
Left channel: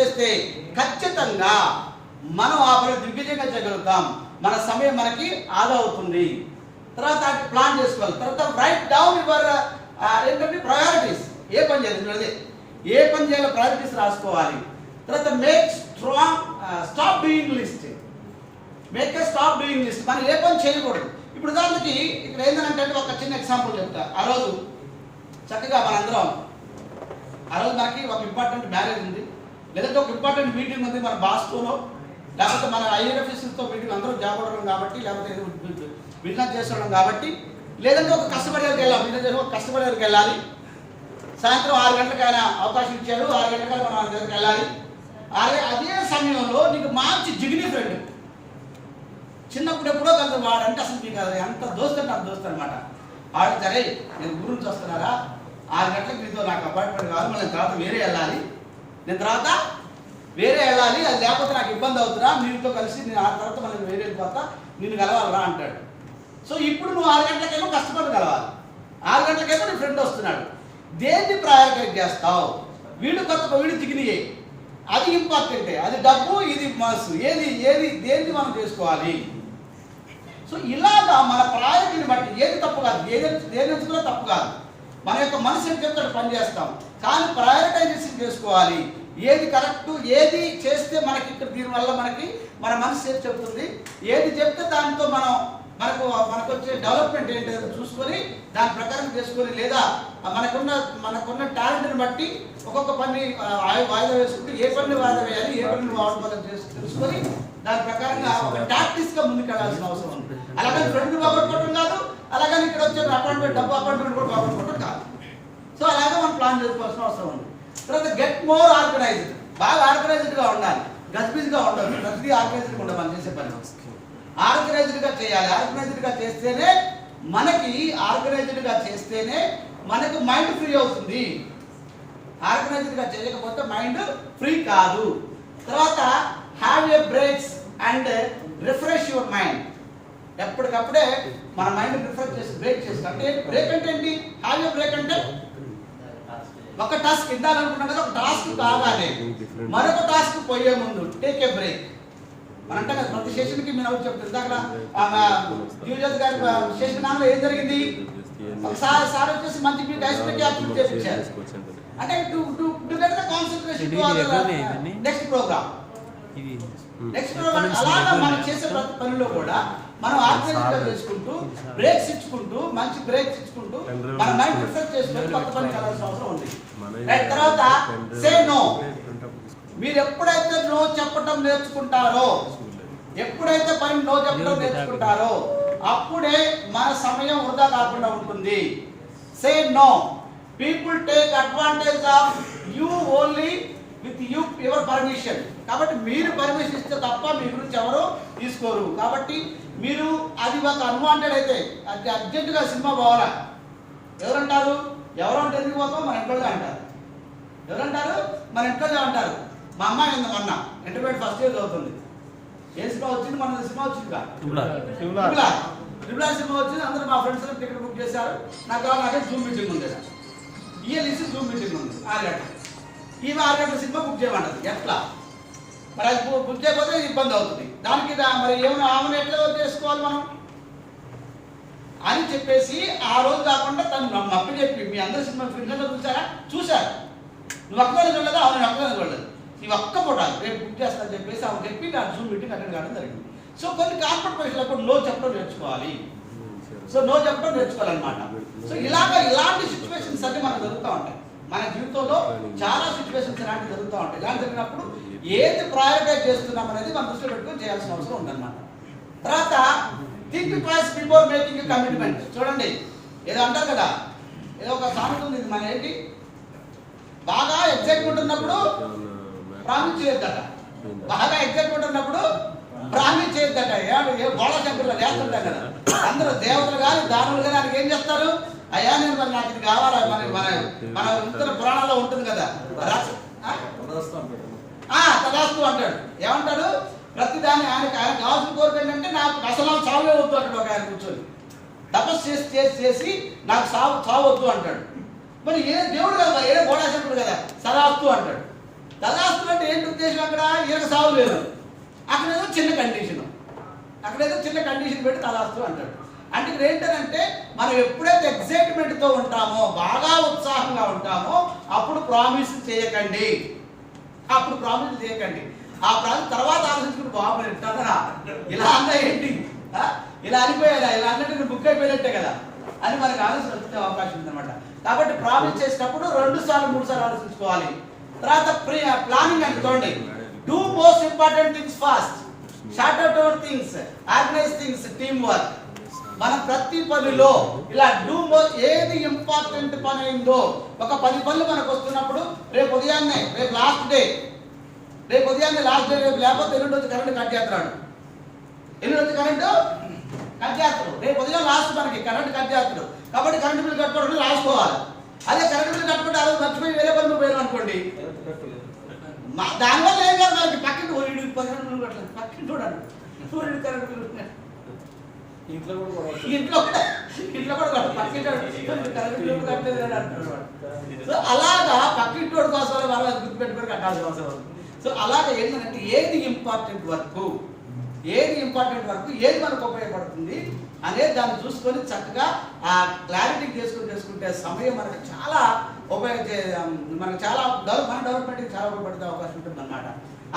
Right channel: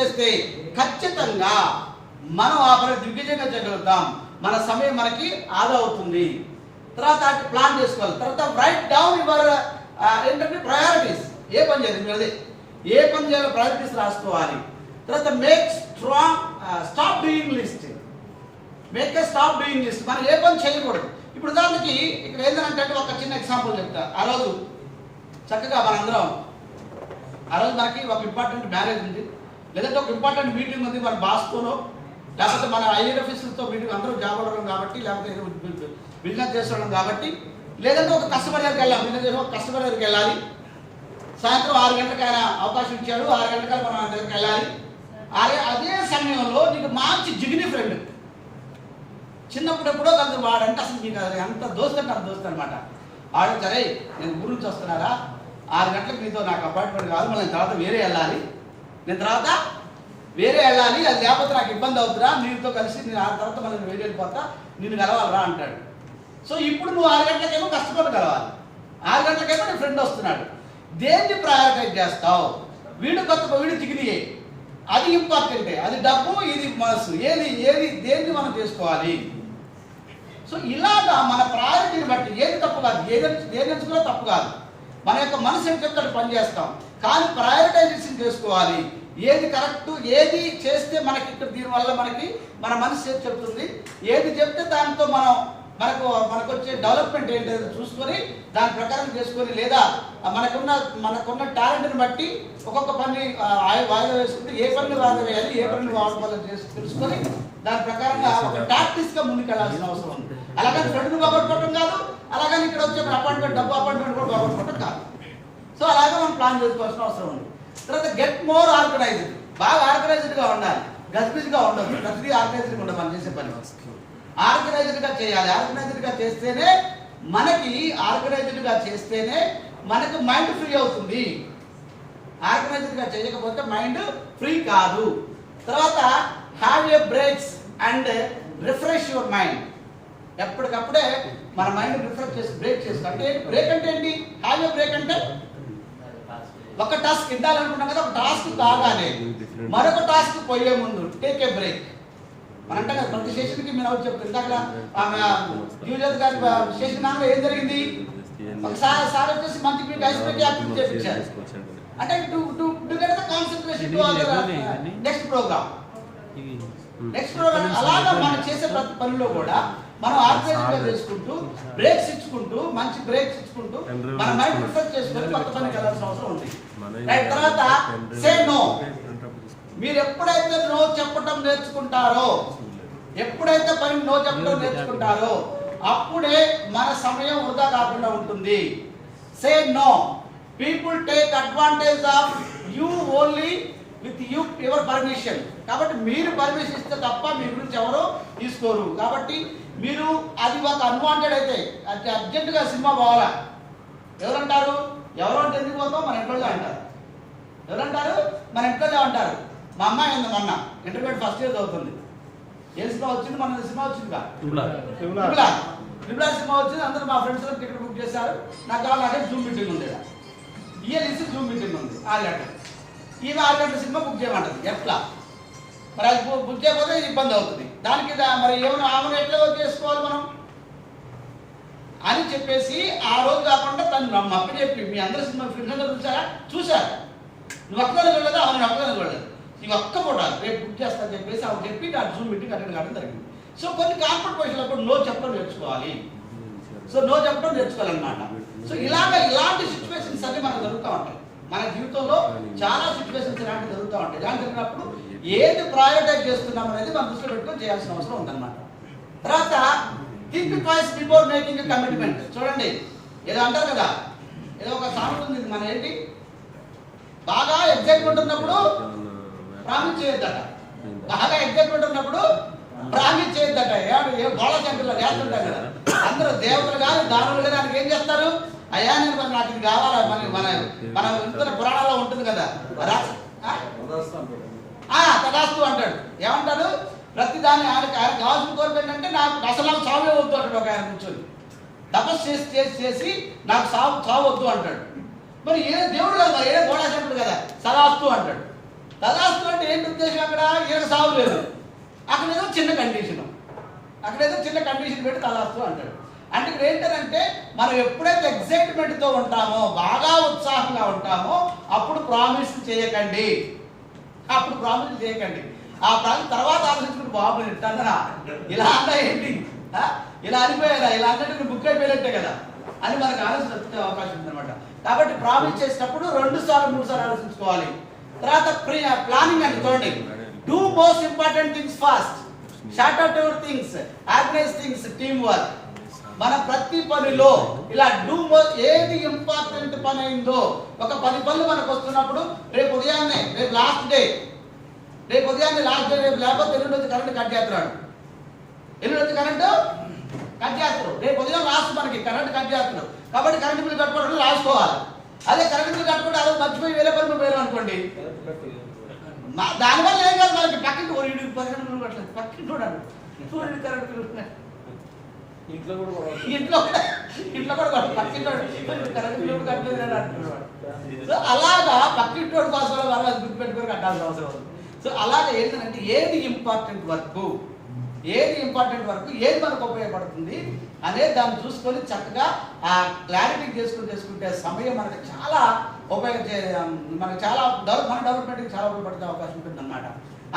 చేస్తే ఖచ్చితంగా మనం ఆ పని దిగ్విజయంగా చేయగలుగుతాం. మన సమయం మనకి ఆదా అవుతుంది. తర్వాత ప్లాన్ చేసుకోవాలి. తర్వాత రైట్ డౌన్ యువర్ ఏంటంటే ప్రయారిటీస్. ఏ పని చేయాలో ప్రయారిటీస్ రాసుకోవాలి. తర్వాత స్టాప్ డూయింగ్ లిస్ట్. మనం ఏ పని చేయకూడదు. ఇప్పుడు దానికి ఇక్కడ ఏంటంటే ఒక చిన్న ఎగ్జాంపుల్ చెప్తా. ఆ రోజు చక్కగా మనందరం మనకి ఒక ఇంపార్టెంట్ మ్యారేజ్ ఉంది, లేదంటే ఒక ఇంపార్టెంట్ మీటింగ్ ఉంది మన బాస్తోనో, లేకపోతే మన ఐఆర్ ఆఫీసర్స్తో మీటింగ్, అందరూ జాబ్ అవ్వడం కాబట్టి, లేకపోతే బిజినెస్ చేసుకోవడం కాబట్టి, లేదంటే ఒక కస్టమర్ దగ్గరికి వెళ్ళాలి, బిజినెస్ చేసి ఒక కస్టమర్ దగ్గరికి వెళ్ళాలి. సాయంత్రం 6 గంటలకు ఆయన అవకాశం ఇచ్చాడు, 6 గంటలకు మనం ఆయన దగ్గరికి వెళ్ళాలి. అదే సమయంలో నీకు మంచి జిగిని ఫ్రెండ్, చిన్నప్పుడు ఎప్పుడో కలిసి వాడంటే అసలు మీకు ఎంత దోస్తు అంటే అంత దోస్తు అనమాట. ఆడ సరే నేను ఊరు నుంచి వస్తున్నారా, 6 గంటలకు మీతో నాకు అపాయింట్మెంట్ కాదు, మళ్ళీ నేను తర్వాత వేరే వెళ్ళాలి, అది లేకపోతే నాకు ఇబ్బంది అవుతురా, నీతో కలిసి నేను ఆ తర్వాత మళ్ళీ వేరే వెళ్ళిపోతా, నిన్ను కలవాలరా అంటాడు. సో ఇప్పుడు నువ్వు 6 గంటలకేమో కస్టమర్ కలవాలి, 6 గంటలకేమో నీ ఫ్రెండ్ వస్తున్నాడు. దేన్ని ప్రయారిటైజ్ చేస్తావు? వీడు దిగినాయే, అది ఇంపార్టెంటే, అది డబ్బు, ఇది మనసు, దేన్ని మనం చేసుకోవాలి. సో ఇలాగా మన ప్రయారిటీని బట్టి ఏది తప్పు కాదు, దేని ఎంచుకున్నా తప్పు కాదు. మన యొక్క మనసు ఏం చెప్తే పని చేస్తాం, కానీ ప్రయారిటైజేషన్ చేసుకోవాలి. ఏది కరెక్ట్, ఏది చేస్తే మనకి ఇక్కడ దీనివల్ల మన మనసు ఏది చెప్తుంది, ఏది చెప్తే దాంతో మనకు వచ్చే డెవలప్మెంట్ ఏంటో చూసుకొని దాని ప్రకారం చేసుకొని, లేదా మనకున్న టాలెంట్ని బట్టి ఒక్కొక్క పని వాయిదా వేసుకుంటూ ఏ పని వాయిదా వేయాలి, ఏ పని వాడుకోవాలని తెలుసుకొని దాని ప్రకారంగా ఒక టాక్టిక్స్గా ముందుకు వెళ్ళాల్సిన అవసరం ఉంది. అలాగని ఫ్రెండ్ని బాగొట్టుకోవడం కాదు, అలాగని ఇక్కడ వచ్చే అపాయింట్మెంట్ డబ్బు అపాయింట్మెంట్ కూడా బాగొట్టుకోవడం కాదు. సో అలాగే మనం ప్లాన్ చేసుకోవాల్సిన అవసరం ఉంది. తర్వాత గెట్ మోర్ ఆర్గనైజ్డ్, బాగా ఆర్గనైజ్డ్గా ఉండాలి, గజిబిజిగా ఉండదు. ప్రతిదీ ఆర్గనైజ్డ్గా ఉండదు మనం చేసే పని. ఆర్గనైజ్డ్గా చేయాలి. ఆర్గనైజ్డ్గా చేస్తేనే మనకి మైండ్ ఫ్రీ అవుతుంది. ఆర్గనైజ్డ్గా చేయకపోతే మైండ్ ఫ్రీ కాదు. తర్వాత have a breaks and refresh your mind. ఎప్పటికప్పుడే మన మైండ్ రిఫ్రెష్ చేసి బ్రేక్ చేసుకో. అంటే బ్రేక్ అంటే ఏంటి? హ్యావ్ ఏ బ్రేక్ అంటే ఒక టాస్క్ ఇద్దాలనుకున్నాం కదా, ఒక టాస్క్ కాగానే మరొక టాస్క్ పోయే ముందు టేక్ ఏ బ్రేక్. మన అంటే కదా ప్రతి స్టేషన్కి మీరు ఎవరు చెప్తారు. ఇందాక యూజర్ గారి స్టేషన్ దానిలో ఏం జరిగింది? ఒకసారి సార్ వచ్చేసి మంచి మీకు ఐస్ పెట్టి యాక్టివిటీ చేయించారు. అంటే to get the concentration to next program. అలాగా మనం చేసే ప్రతి పనిలో కూడా మనం ఆర్గనైజ్గా చేసుకుంటూ బ్రేక్స్ ఇచ్చుకుంటూ మంచి బ్రేక్స్ ఇచ్చుకుంటూ మన మైండ్ రిఫ్రెష్ చేసుకొని కొత్త పనికి వెళ్ళాల్సిన అవసరం ఉంది. తర్వాత సే నో. మీరు ఎప్పుడైతే నో చెప్పటం నేర్చుకుంటారో, ఎప్పుడైతే పని నో చెప్పడం నేర్చుకుంటారో అప్పుడే మన సమయం వృధా కాకుండా ఉంటుంది. Say no. People take advantage of you only with your permission. కాబట్టి మీరు పర్మిషన్ ఇస్తే తప్ప మీ గురించి ఎవరు తీసుకోరు. కాబట్టి మీరు అది ఒక అన్వాంటెడ్ అయితే అది అర్జెంటుగా సినిమా పోవాలా ఎవరంటారు? ఎవరంటే ఎందుకు పోతాం? మన ఇంట్లోనే అంటారు. ఎవరంటారు? మన ఇంట్లోనే అంటారు. మా అమ్మాయి ఉంది మొన్న ఇంటర్మీడియట్ ఫస్ట్ ఇయర్ చదువుతుంది. ఏ సినిమా వచ్చింది? మన సినిమా వచ్చిందిగా ట్రిపుల్ సినిమా వచ్చింది. అందరూ మా ఫ్రెండ్స్ టికెట్ బుక్ చేశారు. నాకు కావాలి, నాకే జూమ్ మీటింగ్ ఉంది. ఇయర్లీసి జూమ్ మీటింగ్ ఉంది 6 గంటలు. ఈమె 6 గంటల సినిమా బుక్ చేయమంటది. ఎట్లా మరి? అది బుక్ చేయకపోతే ఇబ్బంది అవుతుంది. దానికి మరి ఏమైనా ఆమెను ఎట్లా చేసుకోవాలి మనం అని చెప్పేసి ఆ రోజు కాకుండా తను మప్పి చెప్పి మీ అందరూ సినిమా ఫ్రెండ్స్లో చూశారు. నువ్వు ఒక్కదాన్ని చూడలేదు, అవును ఒక్కదాన్ని చూడలేదు, నీవు ఒక్క పూట రేపు బుక్ చేస్తాను చెప్పేసి ఆమె చెప్పి నాకు జూమ్ మీటింగ్ అటెండ్ కావడం జరిగింది. సో కొన్ని కార్పొరేట్ పొజిషన్లప్పుడు నో చెప్పడం నేర్చుకోవాలి. సో నో చెప్పడం నేర్చుకోవాలన్నమాట. సో ఇలాంటి సిచ్యువేషన్స్ అన్ని మనకు జరుగుతూ ఉంటాయి. మన జీవితంలో చాలా సిచ్యువేషన్స్ ఇలాంటివి జరుగుతూ ఉంటాయి. ఇలాంటి జరిగినప్పుడు ఏది ప్రయారిటైజ్ చేస్తున్నాం అనేది మనం దృష్టిలో పెట్టుకొని చేయాల్సిన అవసరం ఉందన్నమాట. తర్వాత think twice before making a commitment. చూడండి, ఏదో అంటారు కదా, ఏదో ఒక సామెత ఉంది. మన ఏంటి, బాగా ఎగ్జైట్మెంట్ ఉన్నప్పుడు ప్రామిస్ చేయొద్దట. బాగా ఎగ్జైట్మెంట్ ఉన్నప్పుడు ప్రామిస్ చేయొద్దట. ఏ గోళ శంకర్లో వేస్తుంటాం కదా, అందరూ దేవతలు కానీ దానులు కానీ ఆయనకి ఏం చేస్తారు? అయ్యా నేను మరి నాకు ఇది కావాలా, మన ఇతర పురాణాల్లో ఉంటుంది కదా, తదాస్తు అంటాడు. ఏమంటాడు? ప్రతిదాన్ని ఆయనకు కావాల్సిన కోరిక ఏంటంటే నాకు అసలు చావే వద్దు అంటాడు. ఒక ఆయన కూర్చొని తపస్సు చేసి నాకు చావు వద్దు అంటాడు. మరి ఏ దేవుడు కదా, ఏ గోళాశంకుడు కదా, సదాస్తు అంటాడు. తదాస్తు అంటే ఏంటి ఉద్దేశం? అక్కడ ఈయనకు సావు లేదు, అక్కడేదో చిన్న కండిషన్ పెట్టి తదాస్తు అంటాడు. అంటే ఇక్కడ ఏంటంటే మనం ఎప్పుడైతే ఎగ్జైట్మెంట్తో ఉంటామో, బాగా ఉత్సాహంగా ఉంటామో అప్పుడు ప్రామిస్ చేయకండి. ఆ ప్రామిస్ తర్వాత ఆలోచించుకుంటే బాబు ఎట్టా ఇలా అన్నా ఏంటి, ఇలా అనిపోయేదా, ఇలా అన్నట్టు బుక్ అయిపోయినట్టే కదా అని మనకు ఆలోచన వచ్చే అవకాశం ఉందన్నమాట. కాబట్టి ప్రామిస్ చేసేటప్పుడు 2 సార్లు 3 సార్లు ఆలోచించుకోవాలి. తర్వాత ప్లానింగ్ అంటే చూడండి, do most important things fast, short out your things, organise things, team work. మన ప్రతి పనిలో ఇలా ఏది ఇంపార్టెంట్ పని అయిందో, ఒక 10 పనులు మనకు వస్తున్నప్పుడు రేపు ఉదయాన్నే లాస్ట్ డే రేపు లేకపోతే ఎల్లుండి వచ్చి కరెంట్ కట్ చేస్తున్నాడు. రేపు ఉదయం లాస్ట్ మనకి కరెంట్ కట్ చేస్తున్నాడు. కాబట్టి కరెంట్ బిల్లు కట్టుకోవడం రాసుకోవాలి. అదే కరెంట్ బిల్లు కట్టుకుంటే అదే మర్చిపోయి వేరే పని పోయాను అనుకోండి, దానివల్ల ఏం కాదు, మనకి పక్కింటి కరెంట్ బిల్లు కట్టలేదు, పక్కింటి సూర్యుడు కరెంట్ బిల్లు ఇంట్లో కూడా పక్కింటి కరెంట్ బిల్లు కట్టలేదు అని అంటున్నాడు. సో అలాగా పక్కింటి కోసం వాళ్ళు గుర్తుపెట్టుకొని కట్టాల్సిన అవసరం. సో అలాగే ఏంటంటే ఏది ఇంపార్టెంట్ వర్క్, ఏది మనకు ఉపయోగపడుతుంది అనేది దాన్ని చూసుకొని చక్కగా ఆ క్లారిటీ చేసుకుంటే సమయం మనకు చాలా మనకు చాలా మన డెవలప్మెంట్కి చాలా ఉపయోగపడే అవకాశం ఉంటుంది అన్నమాట.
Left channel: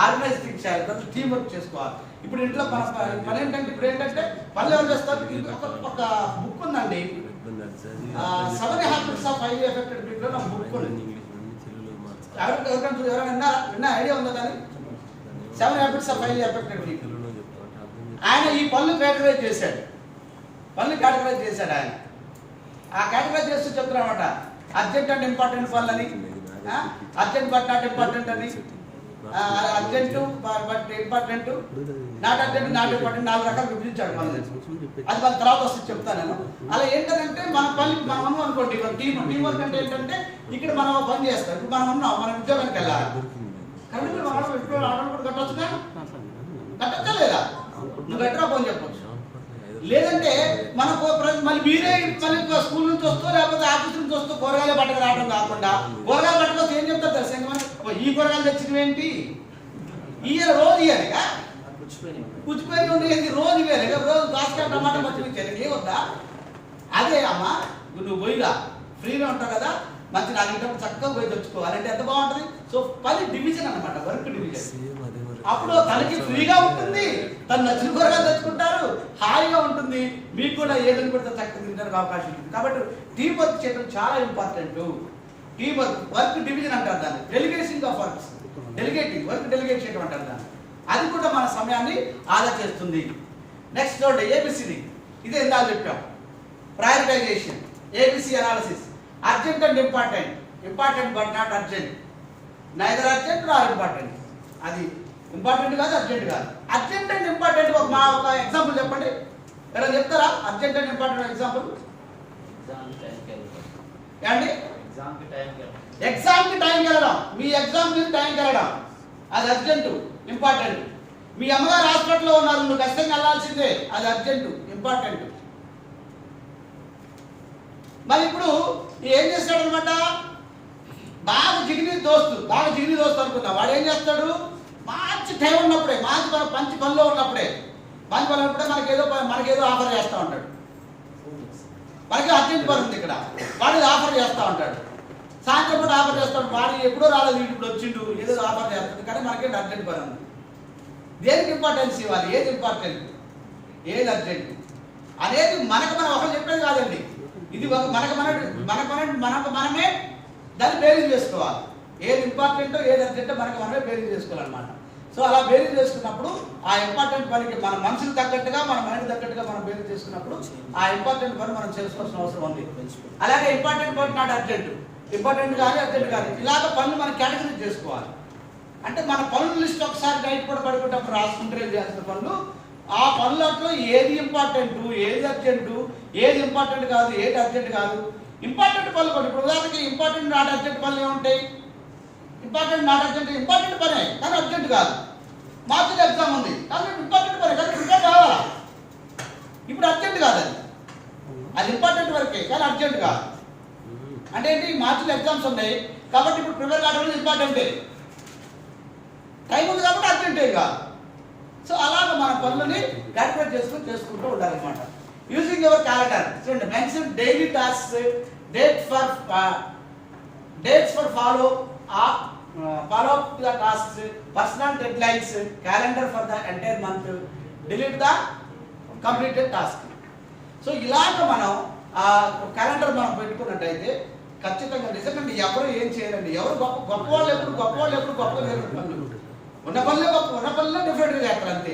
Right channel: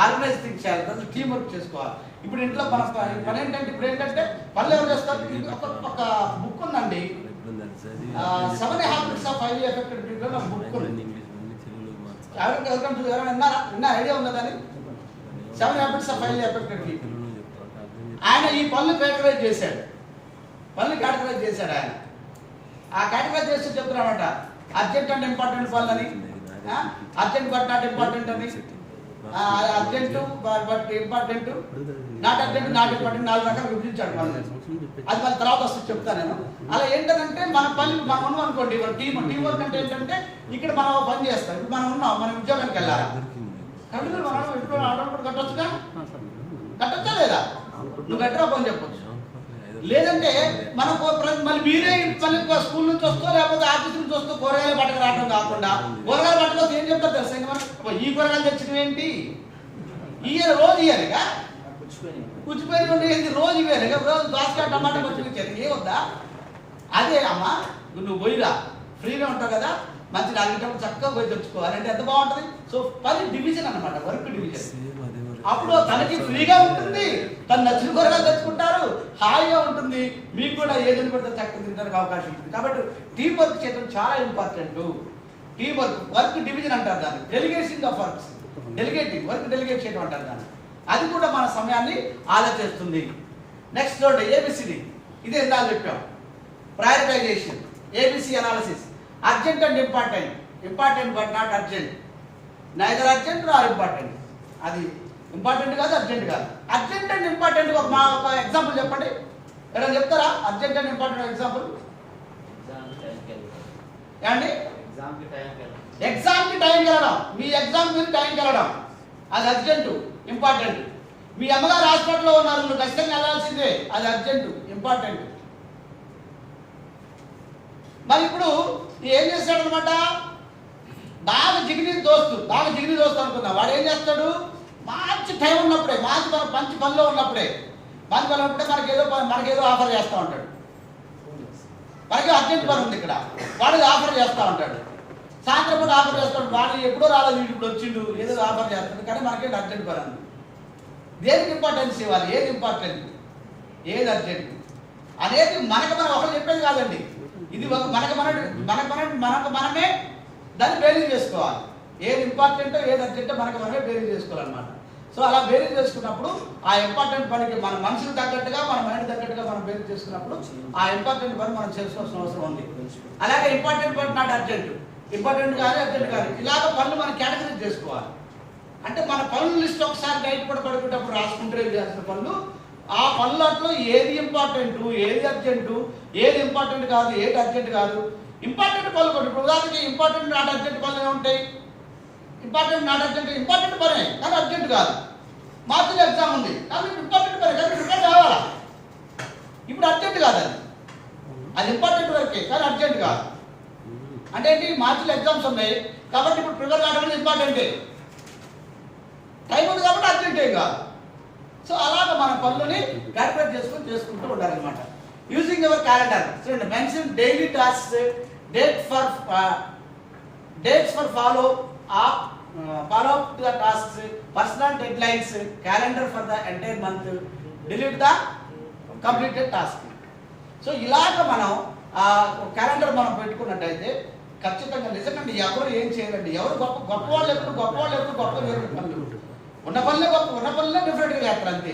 ఆర్గనైజ్ థింగ్స్ చేయాలి, ప్రతి టీం వర్క్ చేసుకోవాలి. ఇప్పుడు ఇంట్లో మన ఏంటంటే పనులు ఎవరు చేస్తారు? ఒక బుక్ ఉందండి, seven habits of highly affected people నా బుక్ ఉంది. ఎవరికైనా విన్నా ఐడియా ఉందా దాన్ని? Seven habits of highly affected people. ఆయన ఈ పనులు కేటగరైజ్ చేశాడు, ఆయన. ఆ కేటగరైజ్ చేస్తూ చెప్తున్నారన్నమాట, అర్జెంట్ అండ్ ఇంపార్టెంట్ పనులని, అర్జెంట్ బట్ నాట్ ఇంపార్టెంట్ అని, urgent but important, not urgent not important, 4 రకాలు విభజించాడు పనులు. అది మన తర్వాత వస్తుంది చెప్తాను నేను. అలా ఏంటంటే మన పని మనం ఉన్నాం అనుకోండి, టీం వర్క్ అంటే ఏంటంటే ఇక్కడ మనం పని చేస్తాం. ఇప్పుడు మనం ఉన్నాం, మన ఉద్యోగానికి వెళ్ళాలి, కరెంట్ బిల్ మనం ఇంట్లో ఆడవాళ్ళు కట్టొచ్చుగా, కట్టొచ్చా లేదా? నువ్వు కట్టరా పని చెప్పొచ్చు. లేదంటే మనకు మళ్ళీ మీరే మళ్ళీ స్కూల్ నుంచి వస్తూ లేకపోతే ఆఫీస్ నుంచి వస్తూ కూరగాయలు పట్టక రావడం కాకుండా, కూరగాయలు పట్టకొస్తే ఏం చెప్తారు తెలుసా? ఇంకా మనం ఈ కూరగాయలు తెచ్చినవి ఏంటి, ఇయ్యాలి రోజు ఇయ్యాలిగా, పుచ్చిపోయి ఉండేది రోజు ఇవ్వాలి, రోజు దోసకాయ టమాటా పచ్చిమిర్చి ఏ వద్దా? అదే అమ్మా, నువ్వు పోయిరా, ఫ్రీగా ఉంటావు కదా, మంచి అడిగేటప్పుడు చక్కగా పోయి తెచ్చుకోవాలి అంటే ఎంత బాగుంటుంది. సో పని డివిజన్ అన్నమాట, వర్క్ డివిజన్. అప్పుడు తనకి ఫ్రీగా ఉంటుంది, తను నచ్చిన కూరగాయలు తెచ్చుకుంటారు, హాయిగా ఉంటుంది, మీకు కూడా ఏదని కూడా చక్కగా తినడానికి అవకాశం ఉంటుంది. కాబట్టి టీం వర్క్ చేయడం చాలా ఇంపార్టెంట్. టీం వర్క్ డివిజన్ అంటారు దాన్ని, delegation of works, work delegate చేయడం అంటారు దాన్ని. అది కూడా మన సమయాన్ని ఆదా చేస్తుంది. నెక్స్ట్ చూడండి, ఏబిసిడి. ఇదే ఇందాక చెప్పాం, prioritization, ABC analysis. Urgent and important but not urgent, neither urgent nor important. అది ఇంపార్టెంట్ కాదు, అర్జెంట్ కాదు. అర్జెంట్ అండ్ ఇంపార్టెంట్ ఒక ఎగ్జాంపుల్ చెప్పండి, ఎవరైనా చెప్తారా? అర్జెంట్ అండ్ ఇంపార్టెంట్ ఎగ్జాంపుల్ ఏమండి? ఎగ్జామ్కి టైంకి వెళ్ళడం, మీ ఎగ్జామ్ మీరు టైంకి వెళ్ళడం, అది అర్జెంటు, ఇంపార్టెంట్. మీ అమ్మగారు హాస్పిటల్లో ఉన్నారు, నువ్వు ఖచ్చితంగా వెళ్ళాల్సిందే, అది అర్జెంటు, ఇంపార్టెంట్. మరి ఇప్పుడు ఏం చేస్తాడు అనమాట, బాగా జిగిని దోస్తు అనుకుందా, వాడు ఏం చేస్తాడు, మంచి టైం ఉన్నప్పుడే, మంచి పనిలో ఉన్నప్పుడే మనకేదో ఆఫర్ చేస్తూ ఉంటాడు. మనకి అర్జెంట్ పని ఉంది ఇక్కడ, వాడికి ఆఫర్ చేస్తూ ఉంటాడు. సాయంత్రం పూట ఆఫర్ చేస్తాడు, వాడు ఎప్పుడో రాలేదు, వీడు ఇప్పుడు వచ్చిండు, ఏదో ఆఫర్ చేస్తాడు, కానీ మనకేంటి అర్జెంట్ పని ఉంది. దేనికి ఇంపార్టెన్స్ ఇవ్వాలి, ఏది ఇంపార్టెంట్ ఏది అర్జెంట్ అనేది మనకు మనం ఒకరు చెప్పేది కాదండి. ఇది మనకు మనమే దాన్ని బేరీజ్ చేసుకోవాలి. ఏది ఇంపార్టెంటో ఏది అర్జెంటో మనకు మనమే బేరీజ్ చేసుకోవాలన్నమాట. సో అలా బేరీజ్ చేసుకున్నప్పుడు ఆ ఇంపార్టెంట్ పనికి మన మనసుకు తగ్గట్టుగా, మన మైండ్ తగ్గట్టుగా మనం బేరీజ్ చేసుకున్నప్పుడు ఆ ఇంపార్టెంట్ పని మనం చేసుకోవాల్సిన అవసరం ఉంది. అలాగే ఇంపార్టెంట్ పని నాట్ అర్జెంట్, ఇంపార్టెంట్ కానీ అర్జెంట్ కానీ, ఇలాగ పనులు మనం కేటగిరీజ్ చేసుకోవాలి. అంటే మన పనుల లిస్ట్ ఒకసారి నైట్ కూడా పడుకుంటప్పుడు రాసుకుంటే చేసిన పనులు, ఆ పనులట్లో ఏది ఇంపార్టెంట్, ఏది అర్జెంటు, ఏది ఇంపార్టెంట్ కాదు, ఏది అర్జెంట్ కాదు. ఇంపార్టెంట్ పనులు కొన్ని, ఇప్పుడు ఉదాహరణకి ఇంపార్టెంట్ నాట్ అర్జెంట్ పనులు ఏముంటాయి? ఇంపార్టెంట్ నాట్ అర్జెంట్, ఇంపార్టెంట్ పనే కానీ అర్జెంట్ కాదు. మార్చిలో ఎగ్జామ్ ఉంది కానీ ఇంపార్టెంట్ పనే కానీ ప్రిపేర్ కావాలా, ఇప్పుడు అర్జెంట్ కాదు, అది ఇంపార్టెంట్ వరకే కానీ అర్జెంట్ కాదు. అంటే ఏంటి, మార్చిలో ఎగ్జామ్స్ ఉన్నాయి కాబట్టి ఇప్పుడు ప్రిపేర్ కావడం ఇంపార్టెంటే, టైం ఉంది కాబట్టి అర్జెంటే కాదు. సో అలాగ మన పనులని క్యాల్కులేట్ చేసుకుంటూ ఉండాలన్నమాట. యూజింగ్ యువర్ క్యాలెండర్, చూడండి, mention daily tasks, dates for follow up to the tasks, personal dead lines, calendar for the entire month, delete the completed task. So ఇలాగ మనం క్యాలెండర్ మనం పెట్టుకున్నట్టయితే ఖచ్చితంగా నిజంగా ఎవరు ఏం చేయరండి. ఎవరు గొప్పవాళ్ళు ఎప్పుడు గొప్పగా చేయరు పనులు. ఉన్న పనులే డిఫరెంట్గా చేస్తారు అంతే.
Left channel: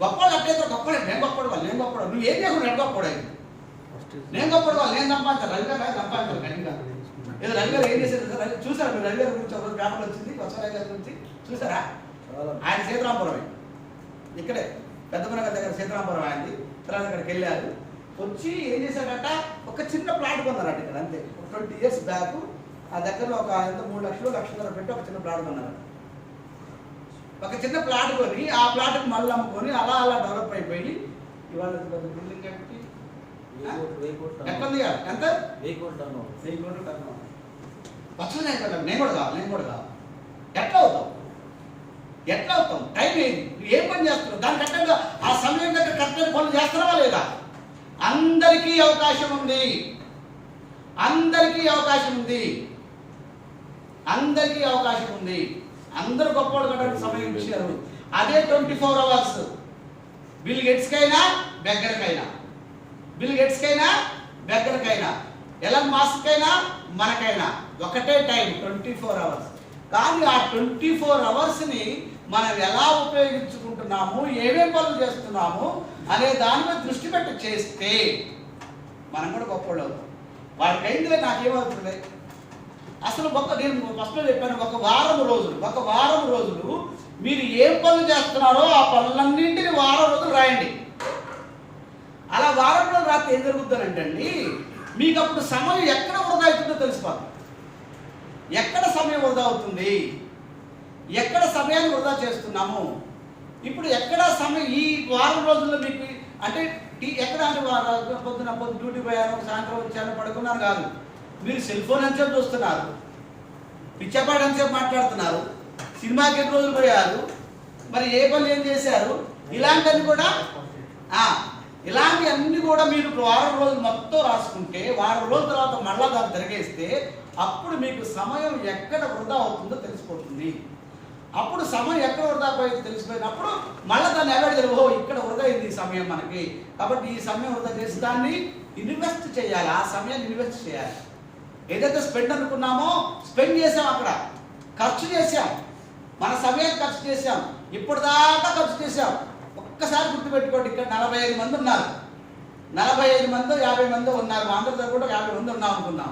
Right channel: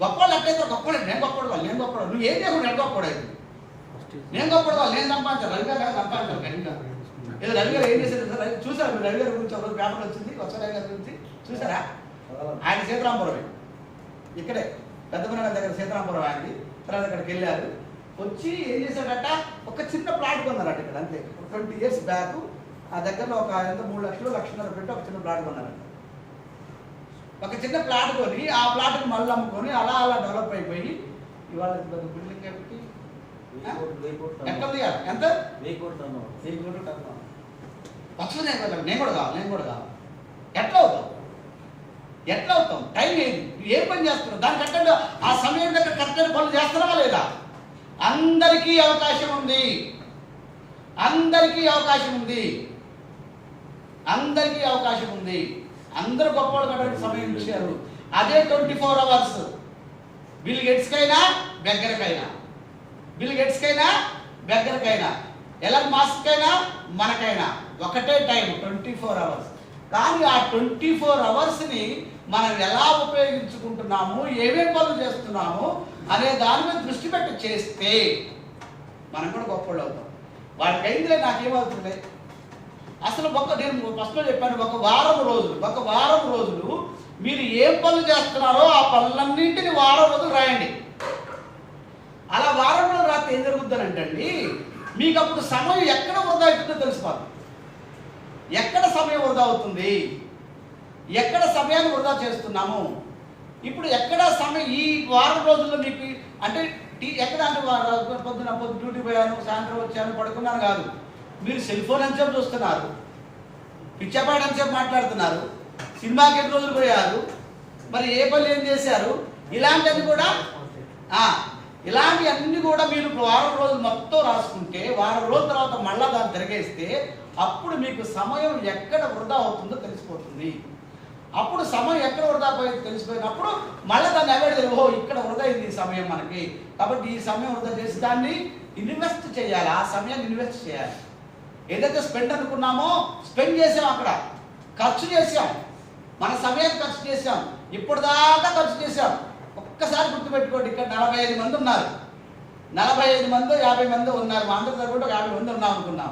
గొప్పవాళ్ళు ఎట్లయితే గొప్పవాళ్ళు, నేను గొప్పవాడు నువ్వు ఏం చేయకుండా నేను గొప్పవాడు, నేను సంపాదించాను, రవిగారు సంపాదించాను గట్టిగా. ఏదో రవిగారు ఏం చేసేది చూసారా మీరు? రవిగారి గురించి ఒక పేపర్లు వచ్చింది, కొత్తరావు గారి గురించి చూసారా? ఆయన సీతారాంపురమే, ఇక్కడే పెద్దపనగర్ దగ్గర సీతారాంపురం ఆయనది. తర్వాత ఇక్కడికి వెళ్ళారు, వచ్చి ఏం చేశాడట, ఒక చిన్న ప్లాట్ కొన్నారట ఇక్కడ అంతే. 20 years బ్యాక్ ఆ దగ్గరలో ఒక 3 లక్షలు 1.5 పెట్టి ఒక చిన్న ప్లాట్ కొన్నారట. ఒక చిన్న ప్లాట్ కొని ఆ ప్లాట్కి మళ్ళీ అమ్ముకొని అలా డెవలప్ అయిపోయి ఇవాళ బిల్డింగ్ కట్టి ఎట్లా ఉంది ఎంత 1000 కోట్లు పచ్చనే కదా. నేను కూడా కావాలి. ఎట్లా అవుతాం? టైం ఏంటి, ఏం పని చేస్తున్నావు, దాని కరెక్ట్గా ఆ సమయం దగ్గర కరెక్ట్గా పనులు చేస్తున్నావా లేదా? అందరికీ అవకాశం ఉంది, అందరూ గొప్పవాళ్ళు కట్టడానికి సమయం ఇచ్చారు. అదే 24 hours. బిల్ గేట్స్కైనా, బెగ్గర్కైనా, బెగ్గర్కైనా ఎలాన్ మాస్క్ అయినా మనకైనా ఒకటే టైం 24 అవర్స్. కానీ ఆ 24 అవర్స్ని మనం ఎలా ఉపయోగించుకుంటున్నాము, ఏమేం పనులు చేస్తున్నాము అనే దాని మీద దృష్టి పెట్టి చేస్తే మనం కూడా గొప్పవాళ్ళు అవుతాం. వాడికి అయిందిలే నాకేమవుతుంది అసలు నేను ఫస్ట్లో చెప్పాను, ఒక వారం రోజులు మీరు ఏం పనులు చేస్తున్నారో ఆ పనులన్నింటినీ వారం రోజులు రాయండి. అలా వారం రోజులు రాస్తే ఏం జరుగుతుందంటండి, మీకు అప్పుడు సమయం ఎక్కడ వృధా అవుతుందో తెలిసిపోతుంది. ఎక్కడ సమయం వృధా అవుతుంది, ఎక్కడ సమయాన్ని వృధా చేస్తున్నాము. ఇప్పుడు ఎక్కడ సమయం ఈ వారం రోజుల్లో మీకు అంటే ఎక్కడ అంటే పొద్దున డ్యూటీ పోయాను, సాయంత్రం వచ్చాను, పడుకున్నాను కాదు. మీరు సెల్ ఫోన్ ఎంతసేపు చూస్తున్నారు, పిచ్చపాటి ఎంతసేపు మాట్లాడుతున్నారు, సినిమాకి ఎన్ని రోజులు పోయారు, మరి ఏ పనులు ఏం చేశారు, ఇలాంటివన్నీ కూడా మీరు వారం రోజులు మొత్తం రాసుకుంటే వారం రోజుల తర్వాత మళ్ళా దాన్ని తిరిగేస్తే అప్పుడు మీకు సమయం ఎక్కడ వృధా అవుతుందో తెలిసిపోతుంది. అప్పుడు సమయం ఎక్కడ వృధా పోయిందో తెలిసిపోయినప్పుడు మళ్ళీ దాన్ని అవాయిడ్ చేయాలి. ఓహో ఇక్కడ వృధా అయింది ఈ సమయం మనకి, కాబట్టి ఈ సమయం వృధా చేసి దాన్ని ఇన్వెస్ట్ చేయాలి. ఆ సమయాన్ని ఇన్వెస్ట్ చేయాలి. ఏదైతే స్పెండ్ అనుకున్నామో స్పెండ్ చేసాం, అక్కడ ఖర్చు చేసాం, మన సమయాన్ని ఖర్చు చేసాం, ఇప్పటిదాకా ఖర్చు చేసాం. ఒక్కసారి గుర్తుపెట్టుకోండి, ఇక్కడ 45 మంది ఉన్నారు, 45 మందో 50 మందో ఉన్నారు. మా అందరితో కూడా 50 మంది ఉన్నాం అనుకున్నాం.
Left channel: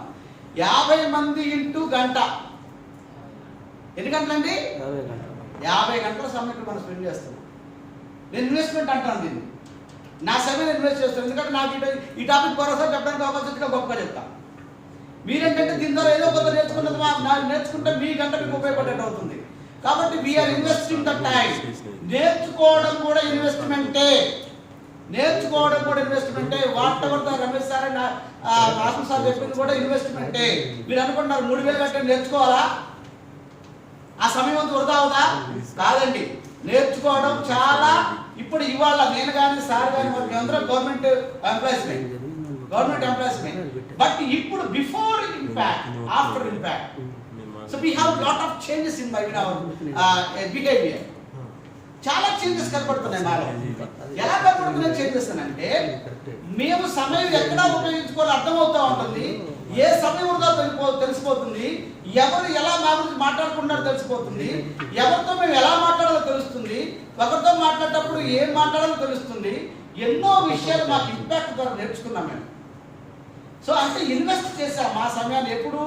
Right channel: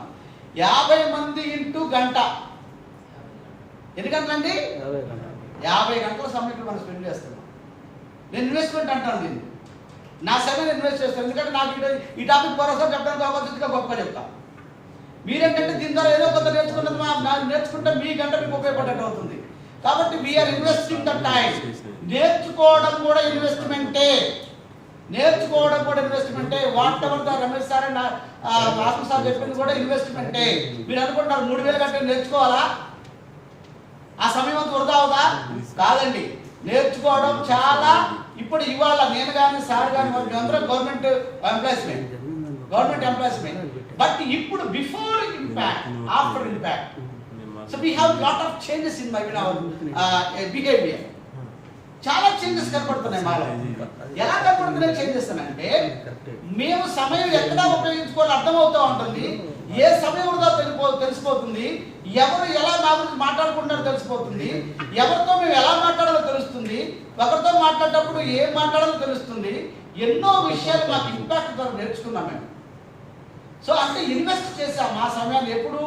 50 మంది ఇంటూ గంట ఎన్ని గంటలండి? 50 గంటల సమయం మనం స్పెండ్ చేస్తున్నాం. నేను ఇన్వెస్ట్మెంట్ అంటాను దీన్ని. నా సమయం ఇన్వెస్ట్ చేస్తాను, ఎందుకంటే నాకు ఈ టాపిక్ భరోసా చెప్పడానికి అవకాశం గొప్పగా చెప్తాను. మీరేంటంటే దీని ద్వారా ఏదో కొంత నేర్చుకున్నది నాకు నేర్చుకుంటే మీ గంట మీకు ఉపయోగపడేట్టు అవుతుంది. కాబట్టి వీఆర్ ఇన్వెస్టింగ్ ద టైం. నేర్చుకోవడం కూడా ఇన్వెస్ట్మెంటే. Whatever the Ramesh sir and Atma sir చెప్పింది కూడా ఇన్వెస్ట్మెంటే. మీరు అనుకుంటున్నారు 3000 గంటలు నేర్చుకోవాలా, ఆ సమయం అంతా వృధా అవుదా? కాదండి, నేర్చుకోవడం చాలా. ఇప్పుడు ఇవాళ నేను కానీ సార్ కానీ మేమందరం గవర్నమెంట్ ఎంప్లాయీస్మే. బట్ ఇప్పుడు before impact, after impact, so we have lot of changes in behaviour. చాలా చేంజెస్ కనపడుతున్నాయి మాలో. ఎలా కనపడుతున్నాయి చేంజెస్ అని అంటే, మేము సమయం ఎక్కడ ఉపయోగించుకోవాలో అర్థమవుతూ ఉంటుంది. ఏ సమయం వృధా తెలిసిపోతుంది. ఎవరు ఎలా మా గురించి మాట్లాడుకుంటారో తెలిసిపోతుంది. ఎవరితో మేము ఎలా మాట్లాడాలో తెలుస్తుంది. ఒకరితో మాట్లాడేటప్పుడు ఏం మాట్లాడాలో తెలుస్తుంది. ఎన్నో విషయాలు మాకు ఇంపాక్ట్ ద్వారా నేర్చుకున్నాం మేము. సో అంటే ఇన్వెస్ట్ చేసాం మా సమయాన్ని. ఎప్పుడు?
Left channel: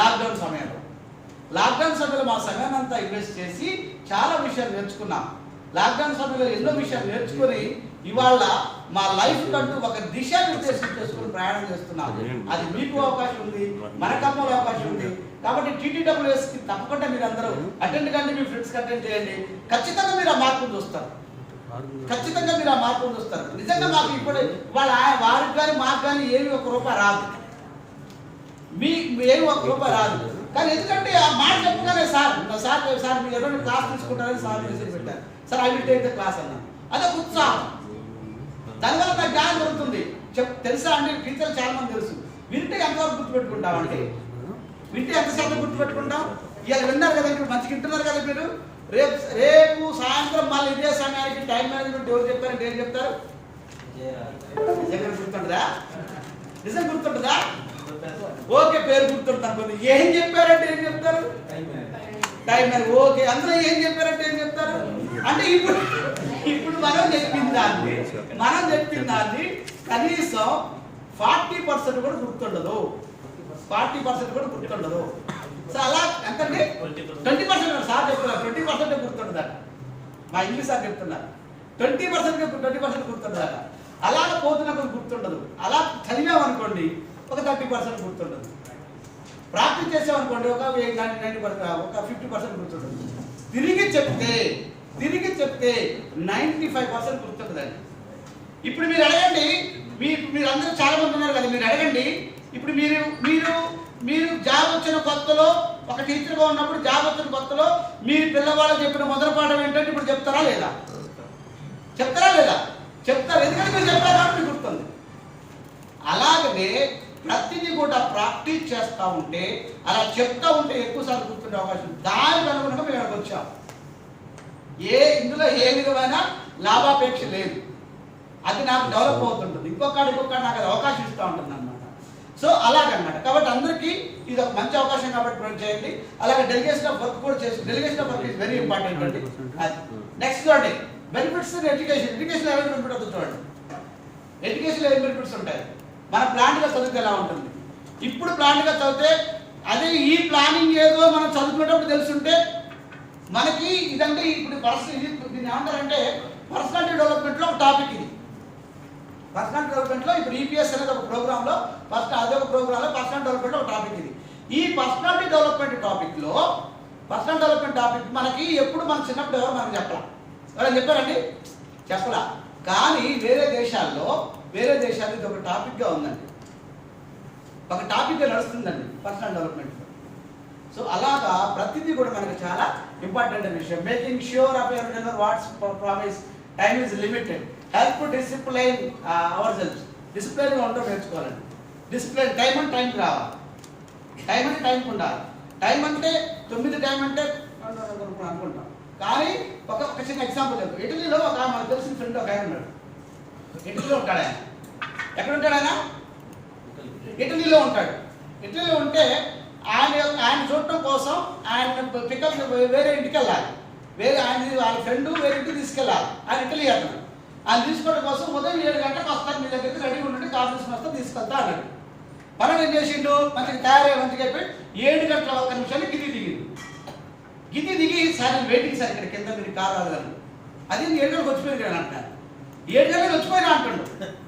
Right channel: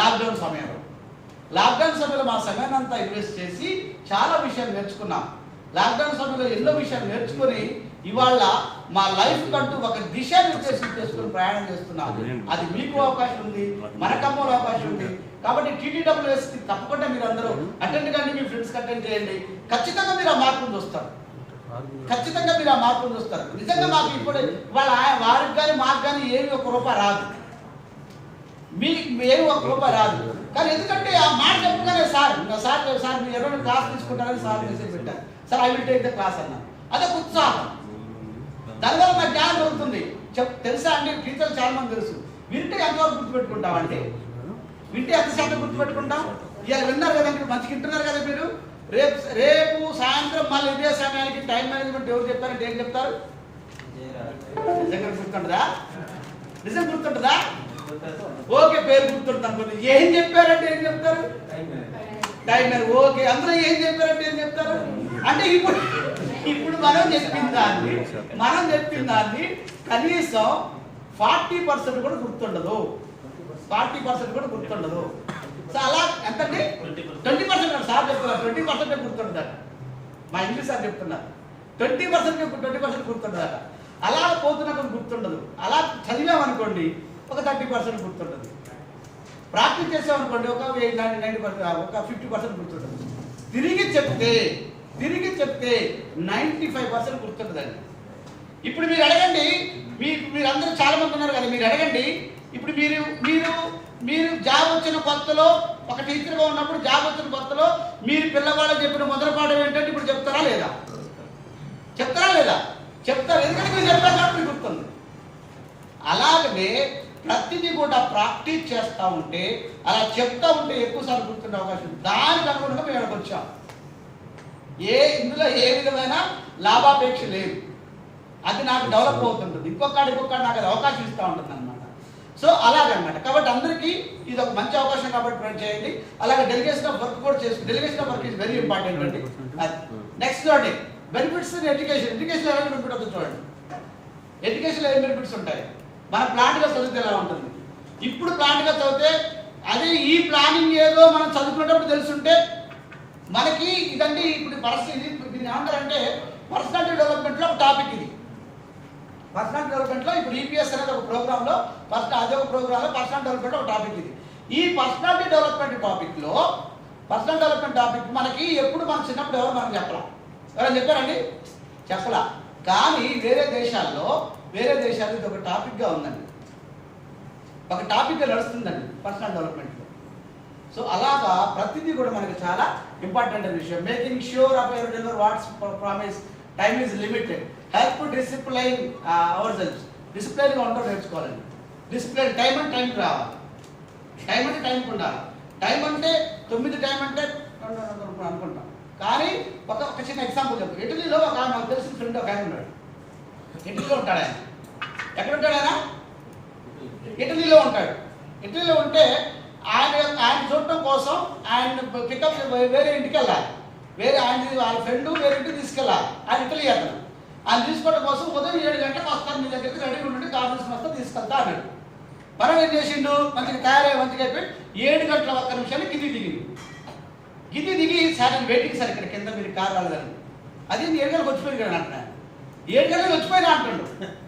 లాక్డౌన్ సమయంలో మా సమయాన్ని అంతా ఇన్వెస్ట్ చేసి చాలా విషయాలు నేర్చుకున్నాం. లాక్డౌన్ సమయంలో ఎన్నో విషయాలు నేర్చుకొని ఇవాళ మా లైఫ్ కంటూ ఒక దిశ నిర్దేశం చేసుకుని ప్రయాణం చేస్తున్నాం. అది మీకు అవకాశం ఉంది, మనకమ్మలో అవకాశం ఉంది. కాబట్టి TTWSకి తప్పకుండా మీరు అందరూ అటెండ్ కండి, మీ ఫ్రెండ్స్కి అటెండ్ చేయండి. ఖచ్చితంగా మీరు ఆ మార్పును చూస్తారు. నిజంగా మాకు ఇప్పుడు వారికి కానీ మాకు కానీ ఏమి ₹1 రాదు, ఏమి ₹1 రాదు. కానీ ఎందుకంటే ఆ మాట చెప్పగానే సార్ మీరు ఎవరైనా క్లాస్ తీసుకుంటారని సార్ మెసేజ్ పెట్టారు. Sir I will take the class అన్నాను. అదొక ఉత్సాహం. దానివల్ల నాకు జ్ఞానం దొరుకుతుంది. తెలుసా అండి, టీచర్లు చాలా మంది తెలుసు. వింటే ఎంతవరకు గుర్తుపెట్టుకుంటామండి? వింటే ఎంతసేపు గుర్తుపెట్టుకుంటాం? ఇవాళ విన్నారు కదండి, మంచిగా వింటున్నారు కదా మీరు. రేపు సాయంత్రం మళ్ళీ ఇదే సమయానికి టైం మేనేజ్మెంట్ ఎవరు చెప్పారంటే ఏం చెప్తారు? నిజంగా గుర్తుంటుందా? ఓకే, పేరు గుర్తుంటుంది అనుకోండి. ఏం చెప్పారంటే ఏం చెప్తారు? Time manage. ఓకే, అందరూ ఏం చెప్పారంటే ఏం చెప్తారు? అంటే ఇప్పుడు మనం చెప్పిన దాన్ని కనీసం 40% కూడా గుర్తుండదు. సో అలా ఎంతండి? 20% సార్ చెప్తున్నారు. 20% గుర్తుండదట. మా ఇంగ్లీష్ సార్ చెప్తున్నారు 20% గుర్తుండదట. అలా పోతున్నప్పుడు గుర్తుండదు. అలా చదివామనుకోండి ఒక 30% గుర్తుండదు. ప్రాక్టీస్ చేసామనుకోండి ఒక 90%, ఒక 50% గుర్తుండదు. తిరిగి చెప్తే 95% గుర్తుంటుందండి. ఇప్పుడు మీరు అడగండి, మీరు అందరూ చాలా మంది ఉన్నారు కదా, మీరు అడగండి. ఇప్పుడు మీరు జాబ్ వచ్చిన కొత్తలో, ఒక టీచర్గా ఉన్నప్పుడు జాబ్ వచ్చిన కొత్తలో మీరు పిల్లవాళ్ళకి చెప్పిన మొదటి పాఠం ఏంటంటే ఇప్పుడు చెప్తారా లేదా? చెప్తారు. ఎందుకంటే మీరు చెప్పారు కాబట్టి మీకు గుర్తుంది. అలాగనే ప్రతిదీ కూడా ప్రాక్టీస్ చేస్తూ ఉంటే, అలా చెప్తా ఉంటే ఎక్కువసార్లు గుర్తుండే అవకాశం. దానికి అనుగుణంగా మేము ఇక్కడికి వచ్చాం. ఇందులో ఏ విధమైన లాభాపేక్ష లేదు. అది నాకు డెవలప్ అవుతుంటుంది. ఇంకొకటి నాకు అది అవకాశం ఇస్తూ ఉంటుంది అన్నమాట. సో అలాగనమాట. కాబట్టి అందరికీ ఇది ఒక మంచి అవకాశం కాబట్టి ప్రొవైడ్ చేయండి. అలాగే డెలిగేషన్ ఆఫ్ వర్క్ కూడా చేసుకోండి. Delegation of work is very important అండి. నెక్స్ట్ చూడండి, బెనిఫిట్స్ ఇన్ ఎడ్యుకేషన్. ఎడ్యుకేషన్ ఎలా బెనిఫిట్ అవుతుంది చూడండి. ఎడ్యుకేషన్లో ఏం బెనిఫిట్స్ ఉంటాయి? మన ప్లాంట్గా చదివితే ఎలా ఉంటుంది? ఇప్పుడు ప్లాంట్గా చదివితే అదే ఈ ప్లానింగ్ ఏదో మనం చదువుకునేటప్పుడు తెలుసుంటే మనకి ఇదంటే ఇప్పుడు ఇది దీన్ని ఏమంటారంటే పర్సనాలిటీ డెవలప్మెంట్లో ఒక టాపిక్ ఇది. పర్సనల్ డెవలప్మెంట్లో ఇప్పుడు ఈపీఎస్ అనేది ఒక ప్రోగ్రాంలో అదే ఒక ప్రోగ్రాంలో పర్సనల్ డెవలప్మెంట్ ఒక టాపిక్ ఇది. ఈ పర్సనాలిటీ డెవలప్మెంట్ టాపిక్లో పర్సనల్ డెవలప్మెంట్ టాపిక్ మనకి ఎప్పుడు మన చిన్నప్పుడు ఎవరు మనకు చెప్పరా? ఎవరైనా చెప్పారండి? చెప్పలా. కానీ వేరే దేశాల్లో ఇది ఒక టాపిక్గా ఉందండి, ఒక టాపిక్గా నడుస్తుందండి పర్సనల్ డెవలప్మెంట్లో. సో అలాగా ప్రతిదీ కూడా మనకి చాలా ఇంపార్టెంట్ విషయం. Making sure of ever deliver what's promise, time is limited, help discipline ourselves. డిసిప్లైన్గా ఉండడం నేర్చుకోవాలండి. డిసిప్లైన్ టైం అంటే టైంకి రావాలి, టైం అంటే టైంకి ఉండాలి. టైం అంటే 9 టైం అంటే అనుకుంటాం. కానీ ఒక చిన్న ఎగ్జాంపుల్ చెప్పు. ఇటలీలో ఒక మనకు తెలిసిన ఫ్రెండ్ ఒక ఆయన ఉన్నాడు. ఇటలీలో ఉంటాడు ఆయన. ఎక్కడ ఉంటాడు ఆయన? ఇటలీలో ఉంటాడు. ఇటలీలో ఉంటే ఆయన చూడటం కోసం ఆయన పికప్ వేరే ఇంటికి వెళ్ళాలి. వాళ్ళ ఫ్రెండ్ వేరే ఇంటికి తీసుకెళ్ళాలి. ఆయన ఇటలీ అతను. ఆయన తీసుకోవడం కోసం ఉదయం 7 గంటలకు వస్తాను, మీ దగ్గరికి రెడీ ఉండి కార్ తీసుకుని వస్తా తీసుకెళ్తా అన్నాడు. మనం ఏం చేసిండు? మంచిగా తయారయ్యి మంచిగా అయిపోయి 7 గంటల 1 నిమిషాలు గిది దిగి సార్ నేను వెయిటింగ్ సార్ ఇక్కడ కింద మీరు కార్ రాలేదని. అది 7 గంటలకు వచ్చిపోయింది కదా అంటున్నాను. 7 గంటలకు వచ్చిపోయినా అంటుండు.